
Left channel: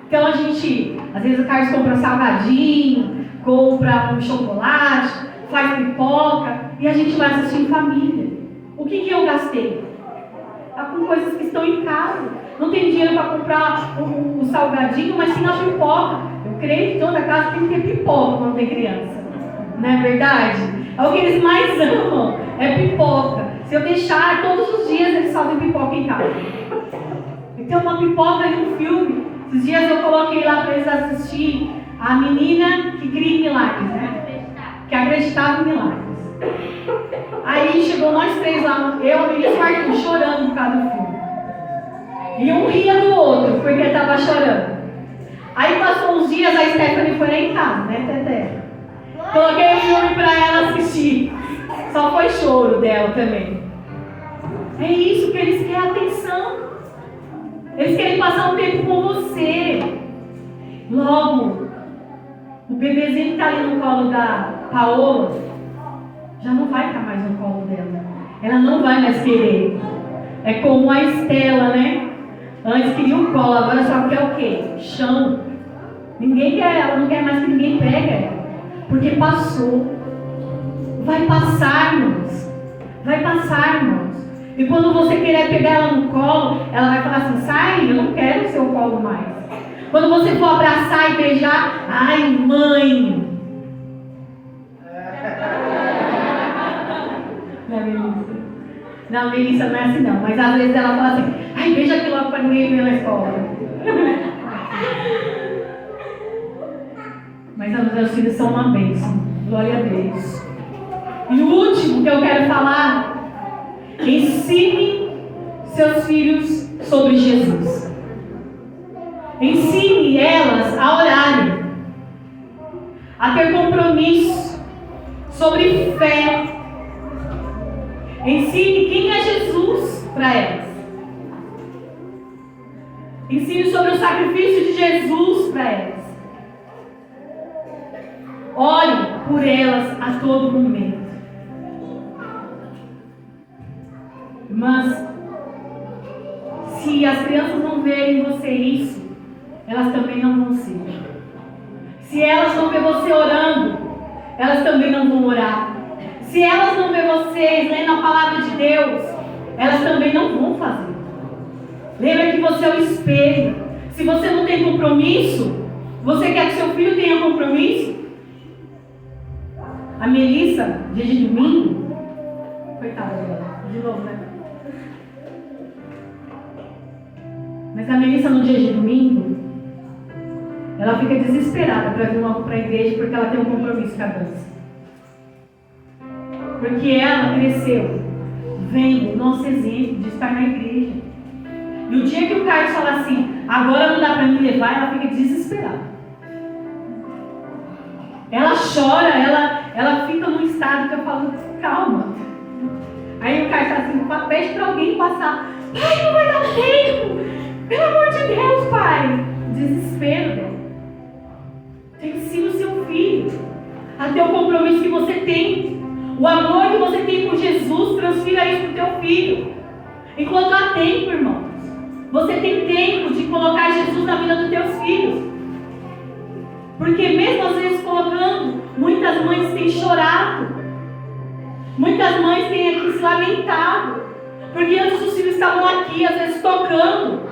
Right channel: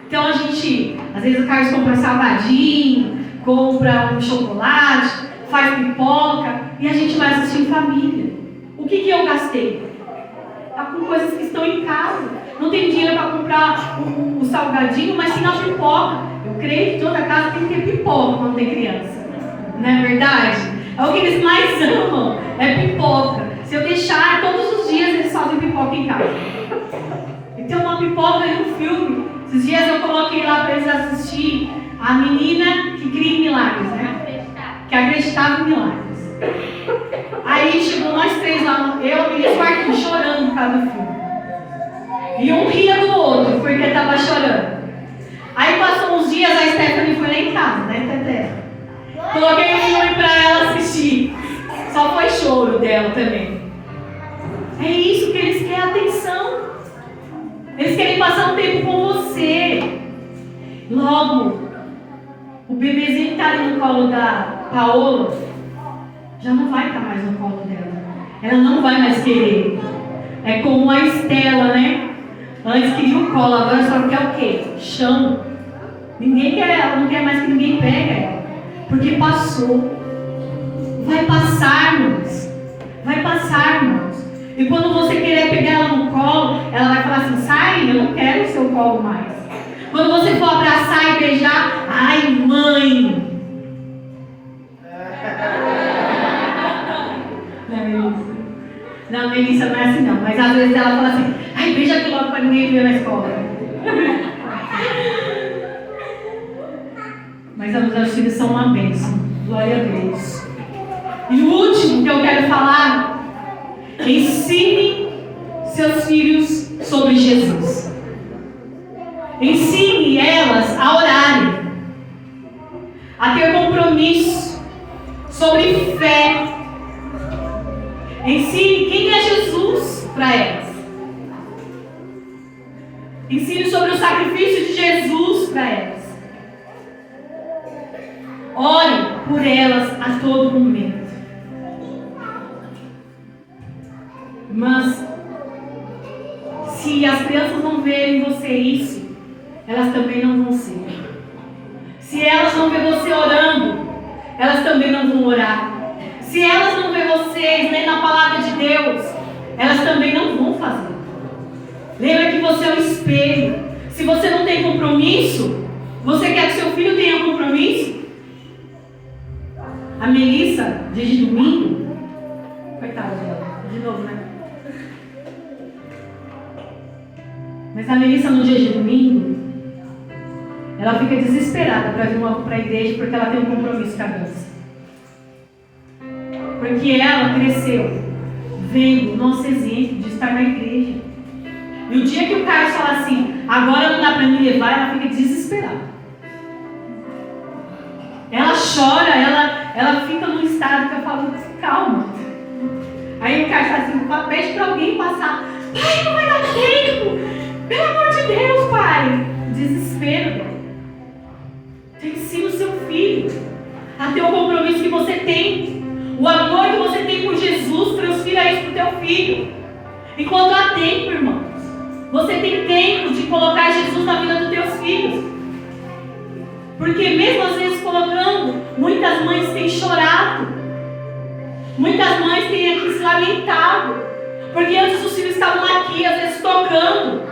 Então a gente, às vezes o Carlos compra salgadinho, compra um chocolate, faz pipoca e a gente vai assistir em família. O que eu gastei? Tá com coisas que estão em casa. Não tem dinheiro para comprar um salgadinho, mas sim a pipoca. Eu creio que toda casa tem que ter pipoca quando tem criança. Não é verdade? É o que eles mais amam, é pipoca. Se eu deixar, todos os dias eles fazem pipoca em casa. Então uma pipoca e um filme. Esses dias eu coloquei lá para eles assistirem a menina que cria em milagres, né? Que acreditava em milagres. Aí chegou nós 3 lá, eu, a menina e o Arthur chorando por causa do filme. E um ria do outro, porque ele estava chorando. Aí passou uns dias, a Stephanie foi lá em casa, né, Teté? Coloquei o filme para ela assistir. Só foi choro dela também. É isso que eles querem, atenção. Eles querem passar um tempo com você. Logo, o bebezinho que está ali no colo da Paola já não vai estar mais no colo dela. Ela não vai mais querer. É como a Estela, né? Antes queria o colo, agora só quer o quê? Chão. Ninguém quer, ela não quer mais que ninguém pegue ela. Porque passou. Vai passar, irmãos. Vai passar, irmãos. E quando você querer pegar ela no colo, ela vai falar assim: sai, eu não quero o seu colo mais. Quando você for abraçar e beijar, ai, mãe. Não, Melissa não é assim não. Mas às vezes ela fala assim: ai, beija aqui logo para ninguém ver na escola. Mas os meus filhos são uma bênção. Glória a Deus. E o último que eu quero falar: ensine seus filhos sobre Jesus. Ensine elas a orarem, a ter compromisso, sobre fé. Ensine quem é Jesus para elas. Ensine sobre o sacrifício de Jesus para elas. Ore por elas a todo momento. Mas se as crianças não verem você isso, elas também não vão ser. Se elas não verem você orando, elas também não vão orar. Se elas não verem vocês lendo a palavra de Deus, elas também não vão fazer. Lembra que você é o espelho. Se você não tem compromisso, você quer que seu filho tenha compromisso? A Melissa, dia de domingo, coitada dela, de novo, né? Mas a Melissa, no dia de domingo, ela fica desesperada para vir para a igreja porque ela tem um compromisso com a dança. Porque ela cresceu vendo o nosso exemplo de estar na igreja. E o dia que o Carlos fala assim: agora não dá para me levar, ela fica desesperada. Ela chora, ela fica num estado que eu falo: calma. Aí o Carlos fala assim: pede para alguém passar. Pai, não vai dar tempo. Pelo amor de Deus, pai. Desespero. Ensina o seu filho a ter o compromisso que você tem. O amor que você tem por Jesus, transfira isso para o teu filho. Enquanto há tempo, irmãos. Você tem tempo de colocar Jesus na vida dos teus filhos. Porque mesmo às vezes colocando, muitas mães têm chorado. Muitas mães têm aqui se lamentado. Porque antes os filhos estavam aqui, às vezes tocando.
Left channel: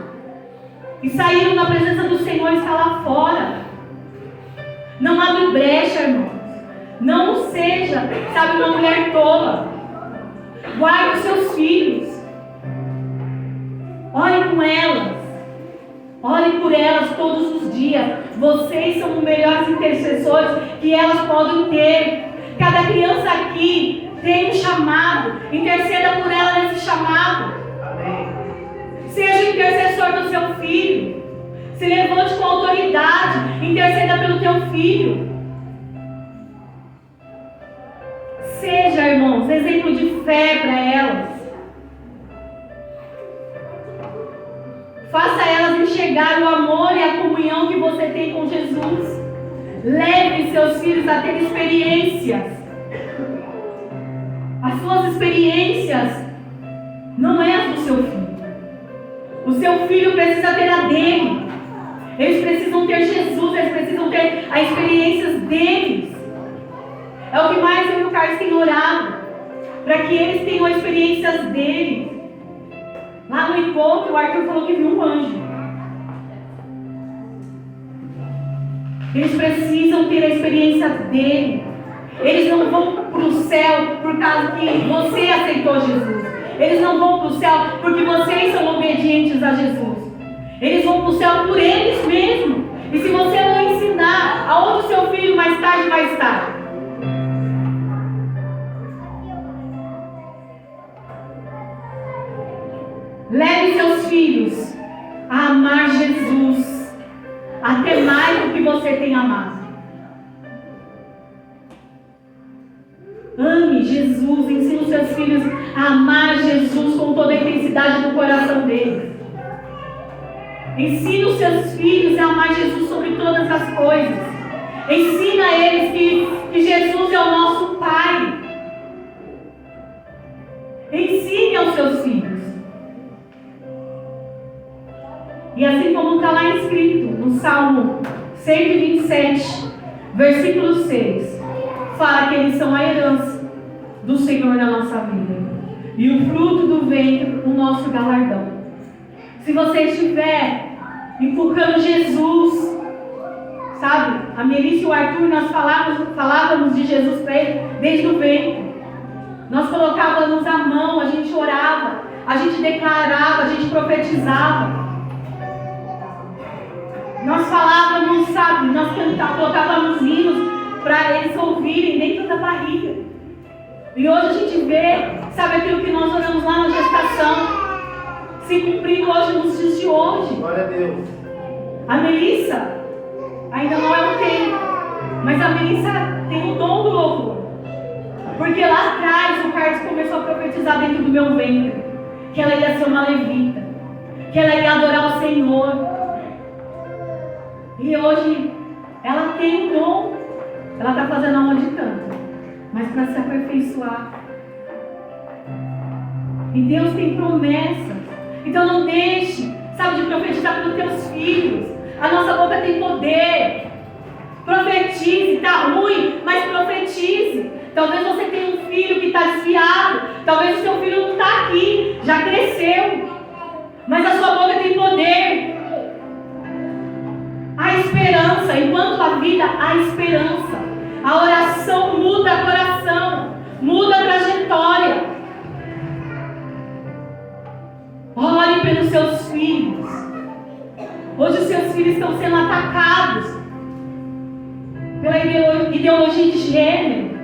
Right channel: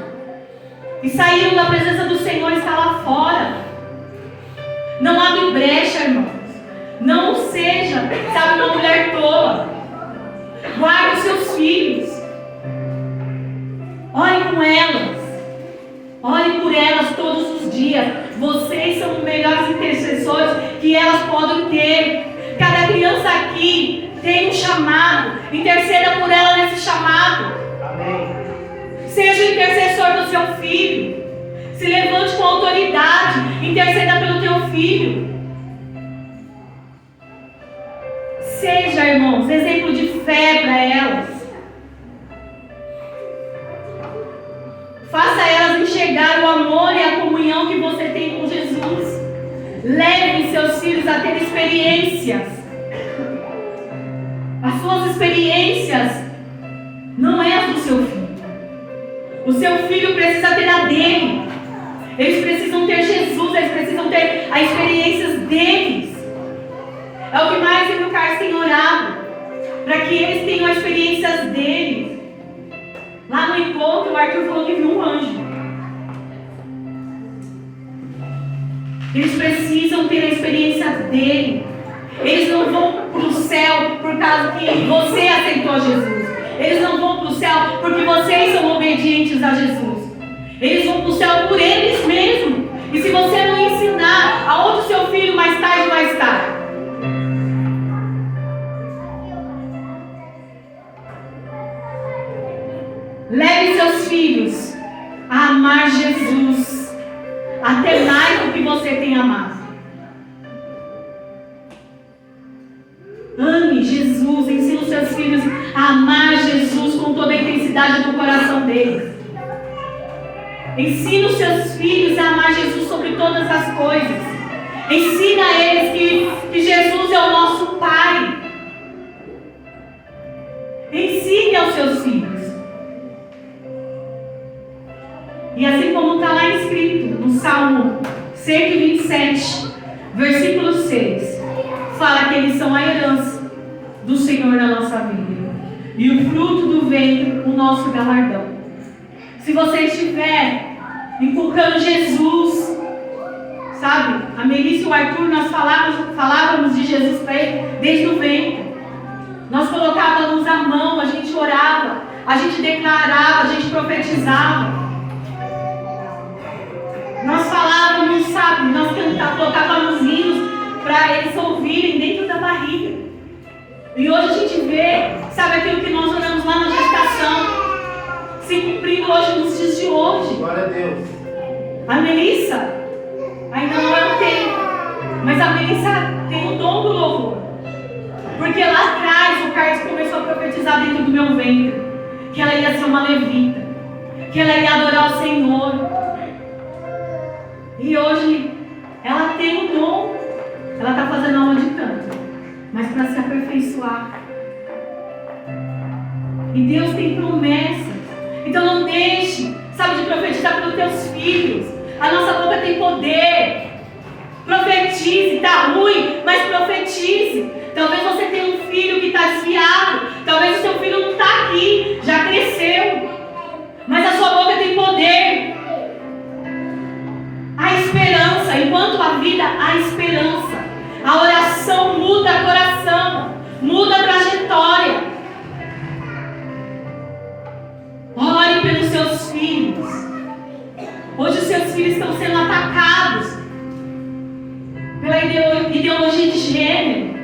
E saíram da presença do Senhor e estão lá fora. Não abre brecha, irmãos. Não seja, sabe, uma mulher tola. Guarde os seus filhos. Ore com elas. Ore por elas todos os dias. Vocês são os melhores intercessores que elas podem ter. Cada criança aqui tem um chamado. Interceda por ela nesse chamado. Amém. Seja o intercessor do seu filho. Se levante com autoridade. Interceda pelo teu filho. Seja, irmãos, exemplo de fé para elas. Faça elas enxergar o amor e a comunhão que você tem com Jesus. Leve seus filhos a ter experiências. As suas experiências não é as do seu filho. O seu filho precisa ter a dele. Eles precisam ter Jesus, eles precisam ter as experiências deles. É o que mais eu e o Carlos tem orado, para que eles tenham as experiências deles. Lá no encontro, o Arthur falou que viu um anjo. Eles precisam ter a experiência dele. Eles não vão para o céu por causa que você aceitou Jesus. Eles não vão para o céu porque vocês são obedientes a Jesus. Eles vão para o céu por eles mesmos. E se você não ensinar, aonde seu filho mais tarde vai estar? Leve seus filhos a amar Jesus até mais do que você tem amado. Ame Jesus, ensine os seus filhos a amar Jesus com toda a intensidade do coração deles. Ensine os seus filhos a amar Jesus sobre todas as coisas. Ensina a eles que Jesus é o nosso Pai. Ensine aos seus filhos. E assim como está lá escrito no Salmo 127, versículo 6, fala que eles são a herança do Senhor na nossa vida. E o fruto do ventre nosso galardão. Se você estiver inculcando Jesus, sabe? A Melissa e o Arthur, nós falávamos de Jesus para ele desde o ventre. Nós colocávamos a mão, a gente orava, a gente declarava, a gente profetizava. Nós falávamos, sabe? Nós colocávamos hinos para eles ouvirem dentro da barriga. E hoje a gente vê, sabe, aquilo que nós olhamos lá na gestação se cumprindo hoje nos dias de hoje. Glória a Deus. A Melissa ainda não é o tempo, mas a Melissa tem o dom do louvor. Porque lá atrás o Carlos começou a profetizar dentro do meu ventre que ela ia ser uma levita, que ela ia adorar o Senhor. E hoje ela tem o dom, ela está fazendo aula de canto, mas para se aperfeiçoar. E Deus tem promessas. Então não deixe, sabe, de profetizar para os teus filhos. A nossa boca tem poder. Profetize, está ruim, mas profetize. Talvez você tenha um filho que está desviado. Talvez o seu filho não está aqui, já cresceu. Mas a sua boca tem poder. A esperança, enquanto a vida, há esperança. A oração muda o coração, muda a trajetória. Ore pelos seus filhos. Hoje os seus filhos estão sendo atacados pela ideologia de gênero,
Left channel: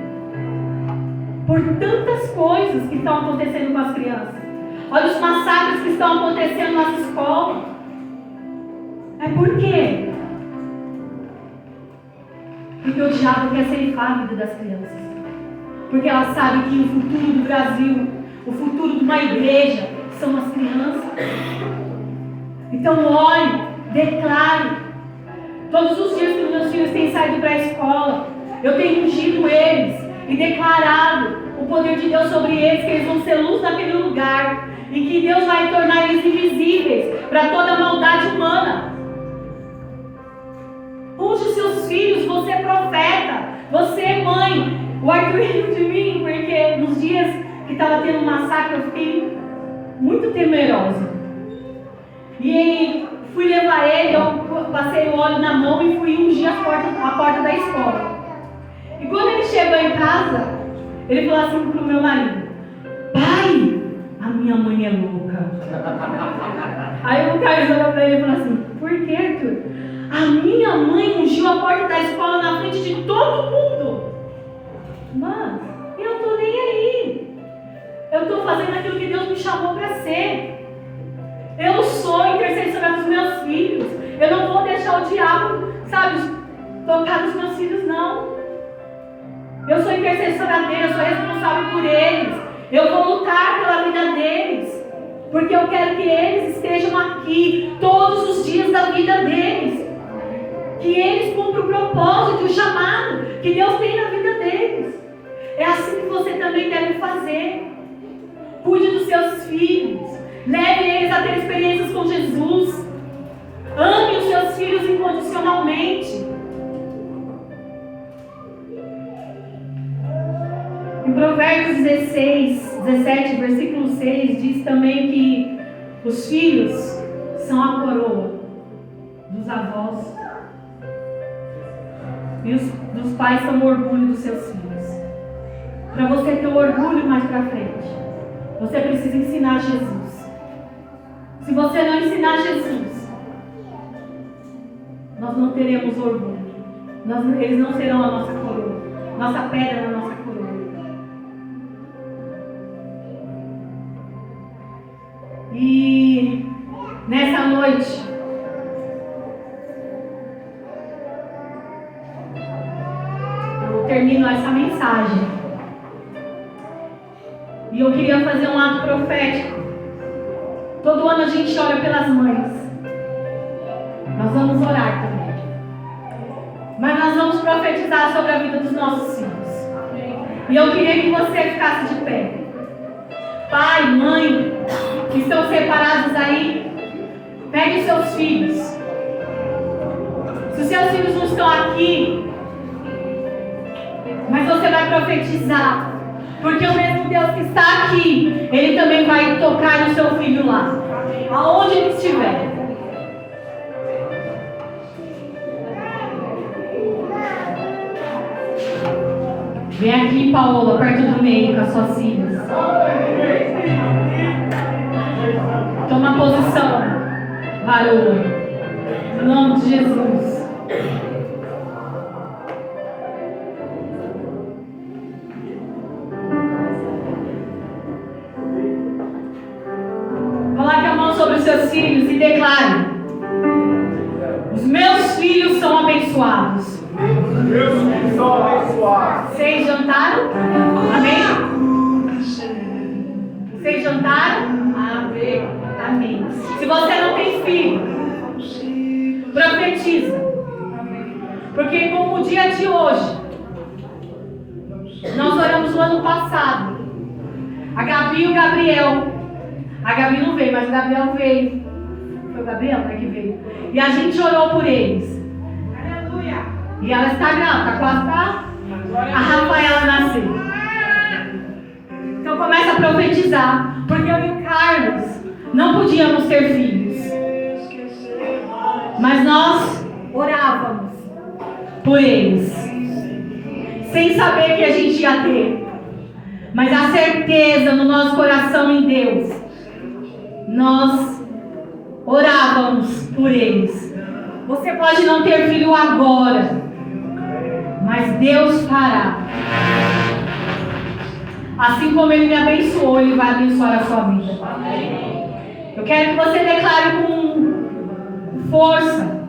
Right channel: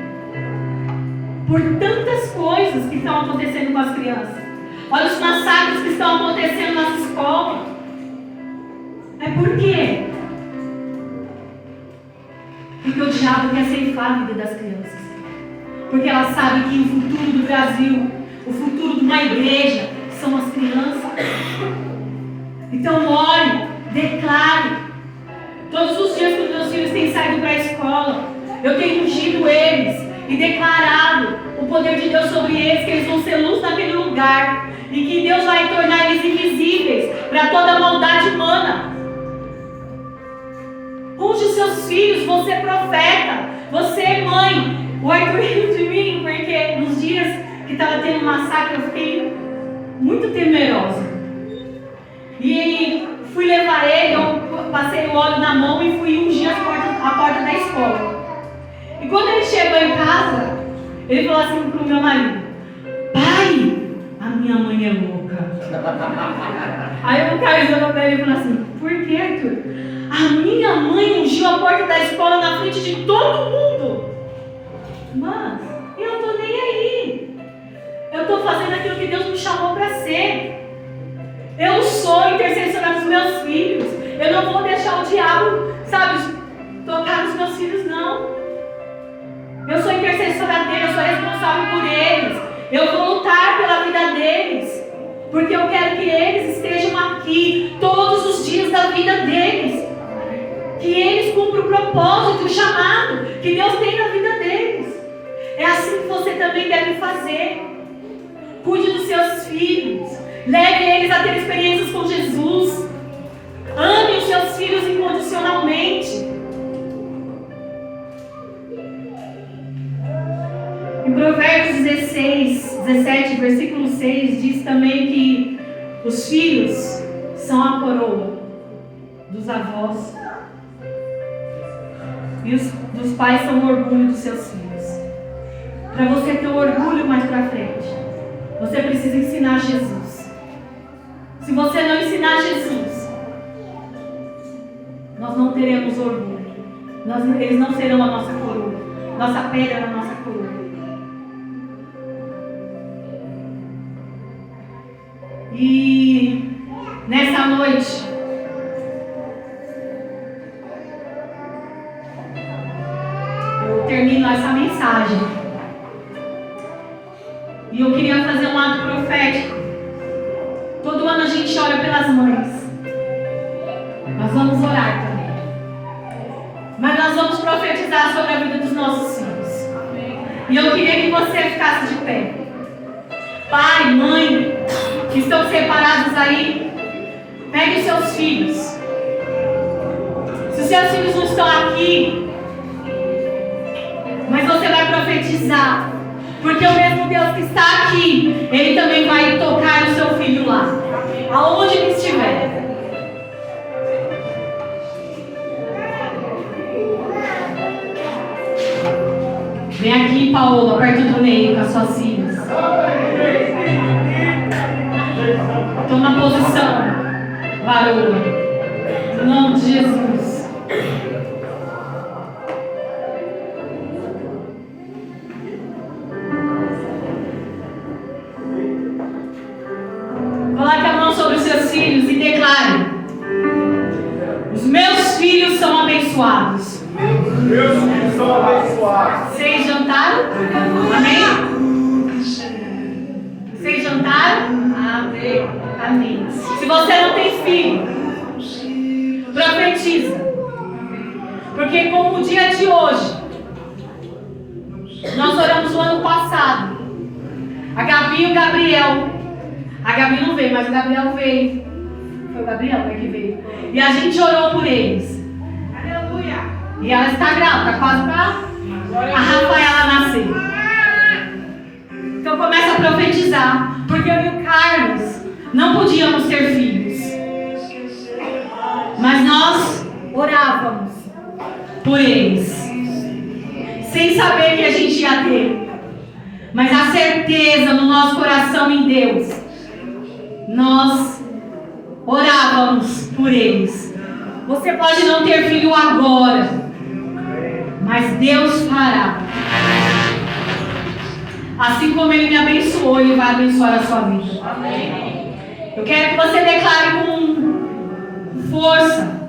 por tantas coisas que estão acontecendo com as crianças. Olha os massacres que estão acontecendo nas escolas. É por quê? Porque o diabo quer ceifar a vida das crianças. Porque ela sabe que o futuro do Brasil, o futuro de uma igreja, são as crianças. Então ore, declare. Todos os dias que os meus filhos têm saído para a escola, eu tenho ungido eles e declarado o poder de Deus sobre eles, que eles vão ser luz naquele lugar e que Deus vai tornar eles invisíveis para toda a maldade humana. Unge os seus filhos, você é profeta, você é mãe. O Arthur riu de mim porque nos dias que estava tendo um massacre eu fiquei muito temerosa. E fui levar ele, eu passei o óleo na mão e fui ungir a porta da escola. E quando ele chegou em casa, ele falou assim pro meu marido: pai, a minha mãe é louca. Aí o Carlos olhou para ele e falou assim: por que, Arthur? A minha mãe ungiu a porta da escola na frente de todo mundo. Mas eu não estou nem aí. Eu estou fazendo aquilo que Deus me chamou para ser. Eu sou intercessora dos meus filhos. Eu não vou deixar o diabo, sabe, tocar nos meus filhos, não. Eu sou intercessora deles, eu sou responsável por eles. Eu vou lutar pela vida deles. Porque eu quero que eles estejam aqui todos os dias da vida deles. Que eles cumpram o propósito, o chamado que Deus tem na vida deles. É assim que você também deve fazer. Cuide dos seus filhos. Leve eles a ter experiências com Jesus. Ame os seus filhos incondicionalmente. Em Provérbios 17, versículo 6, diz também que os filhos são a coroa dos avós. E dos pais são o orgulho dos seus filhos. Para você ter o orgulho mais para frente, você precisa ensinar Jesus. Se você não ensinar Jesus, nós não teremos orgulho. Eles não serão a nossa coroa, nossa pedra na nossa coroa. E nessa noite, eu termino essa mensagem. E eu queria fazer um ato profético. Todo ano a gente ora pelas mães. Nós vamos orar também. Mas nós vamos profetizar sobre a vida dos nossos filhos. E eu queria que você ficasse de pé. Pai, mãe, que estão separados aí, pegue os seus filhos. Se os seus filhos não estão aqui, mas você vai profetizar. Porque o mesmo Deus que está aqui, Ele também vai tocar no seu filho para suas filhas. Toma posição, varão. Em nome de Jesus. Coloque a mão sobre os seus filhos e declare: os meus filhos são abençoados. Meus filhos são abençoados. Vocês jantaram? Amém? Vocês jantaram? Amém. Amém. Se você não tem filho, profetiza. Porque como o dia de hoje, nós oramos o ano passado. A Gabi e o Gabriel. A Gabi não veio, mas o Gabriel veio. Foi o Gabriel que veio. E a gente orou por eles. Aleluia. E ela está grávida, está quase para a Rafaela nascer. Então começa a profetizar. Porque eu e o Carlos não podíamos ter filhos. Mas nós orávamos por eles. Sem saber que a gente ia ter. Mas a certeza no nosso coração em Deus. Nós orávamos por eles. Você pode não ter filho agora, mas Deus fará. Assim como Ele me abençoou, Ele vai abençoar a sua vida. Eu quero que você declare com força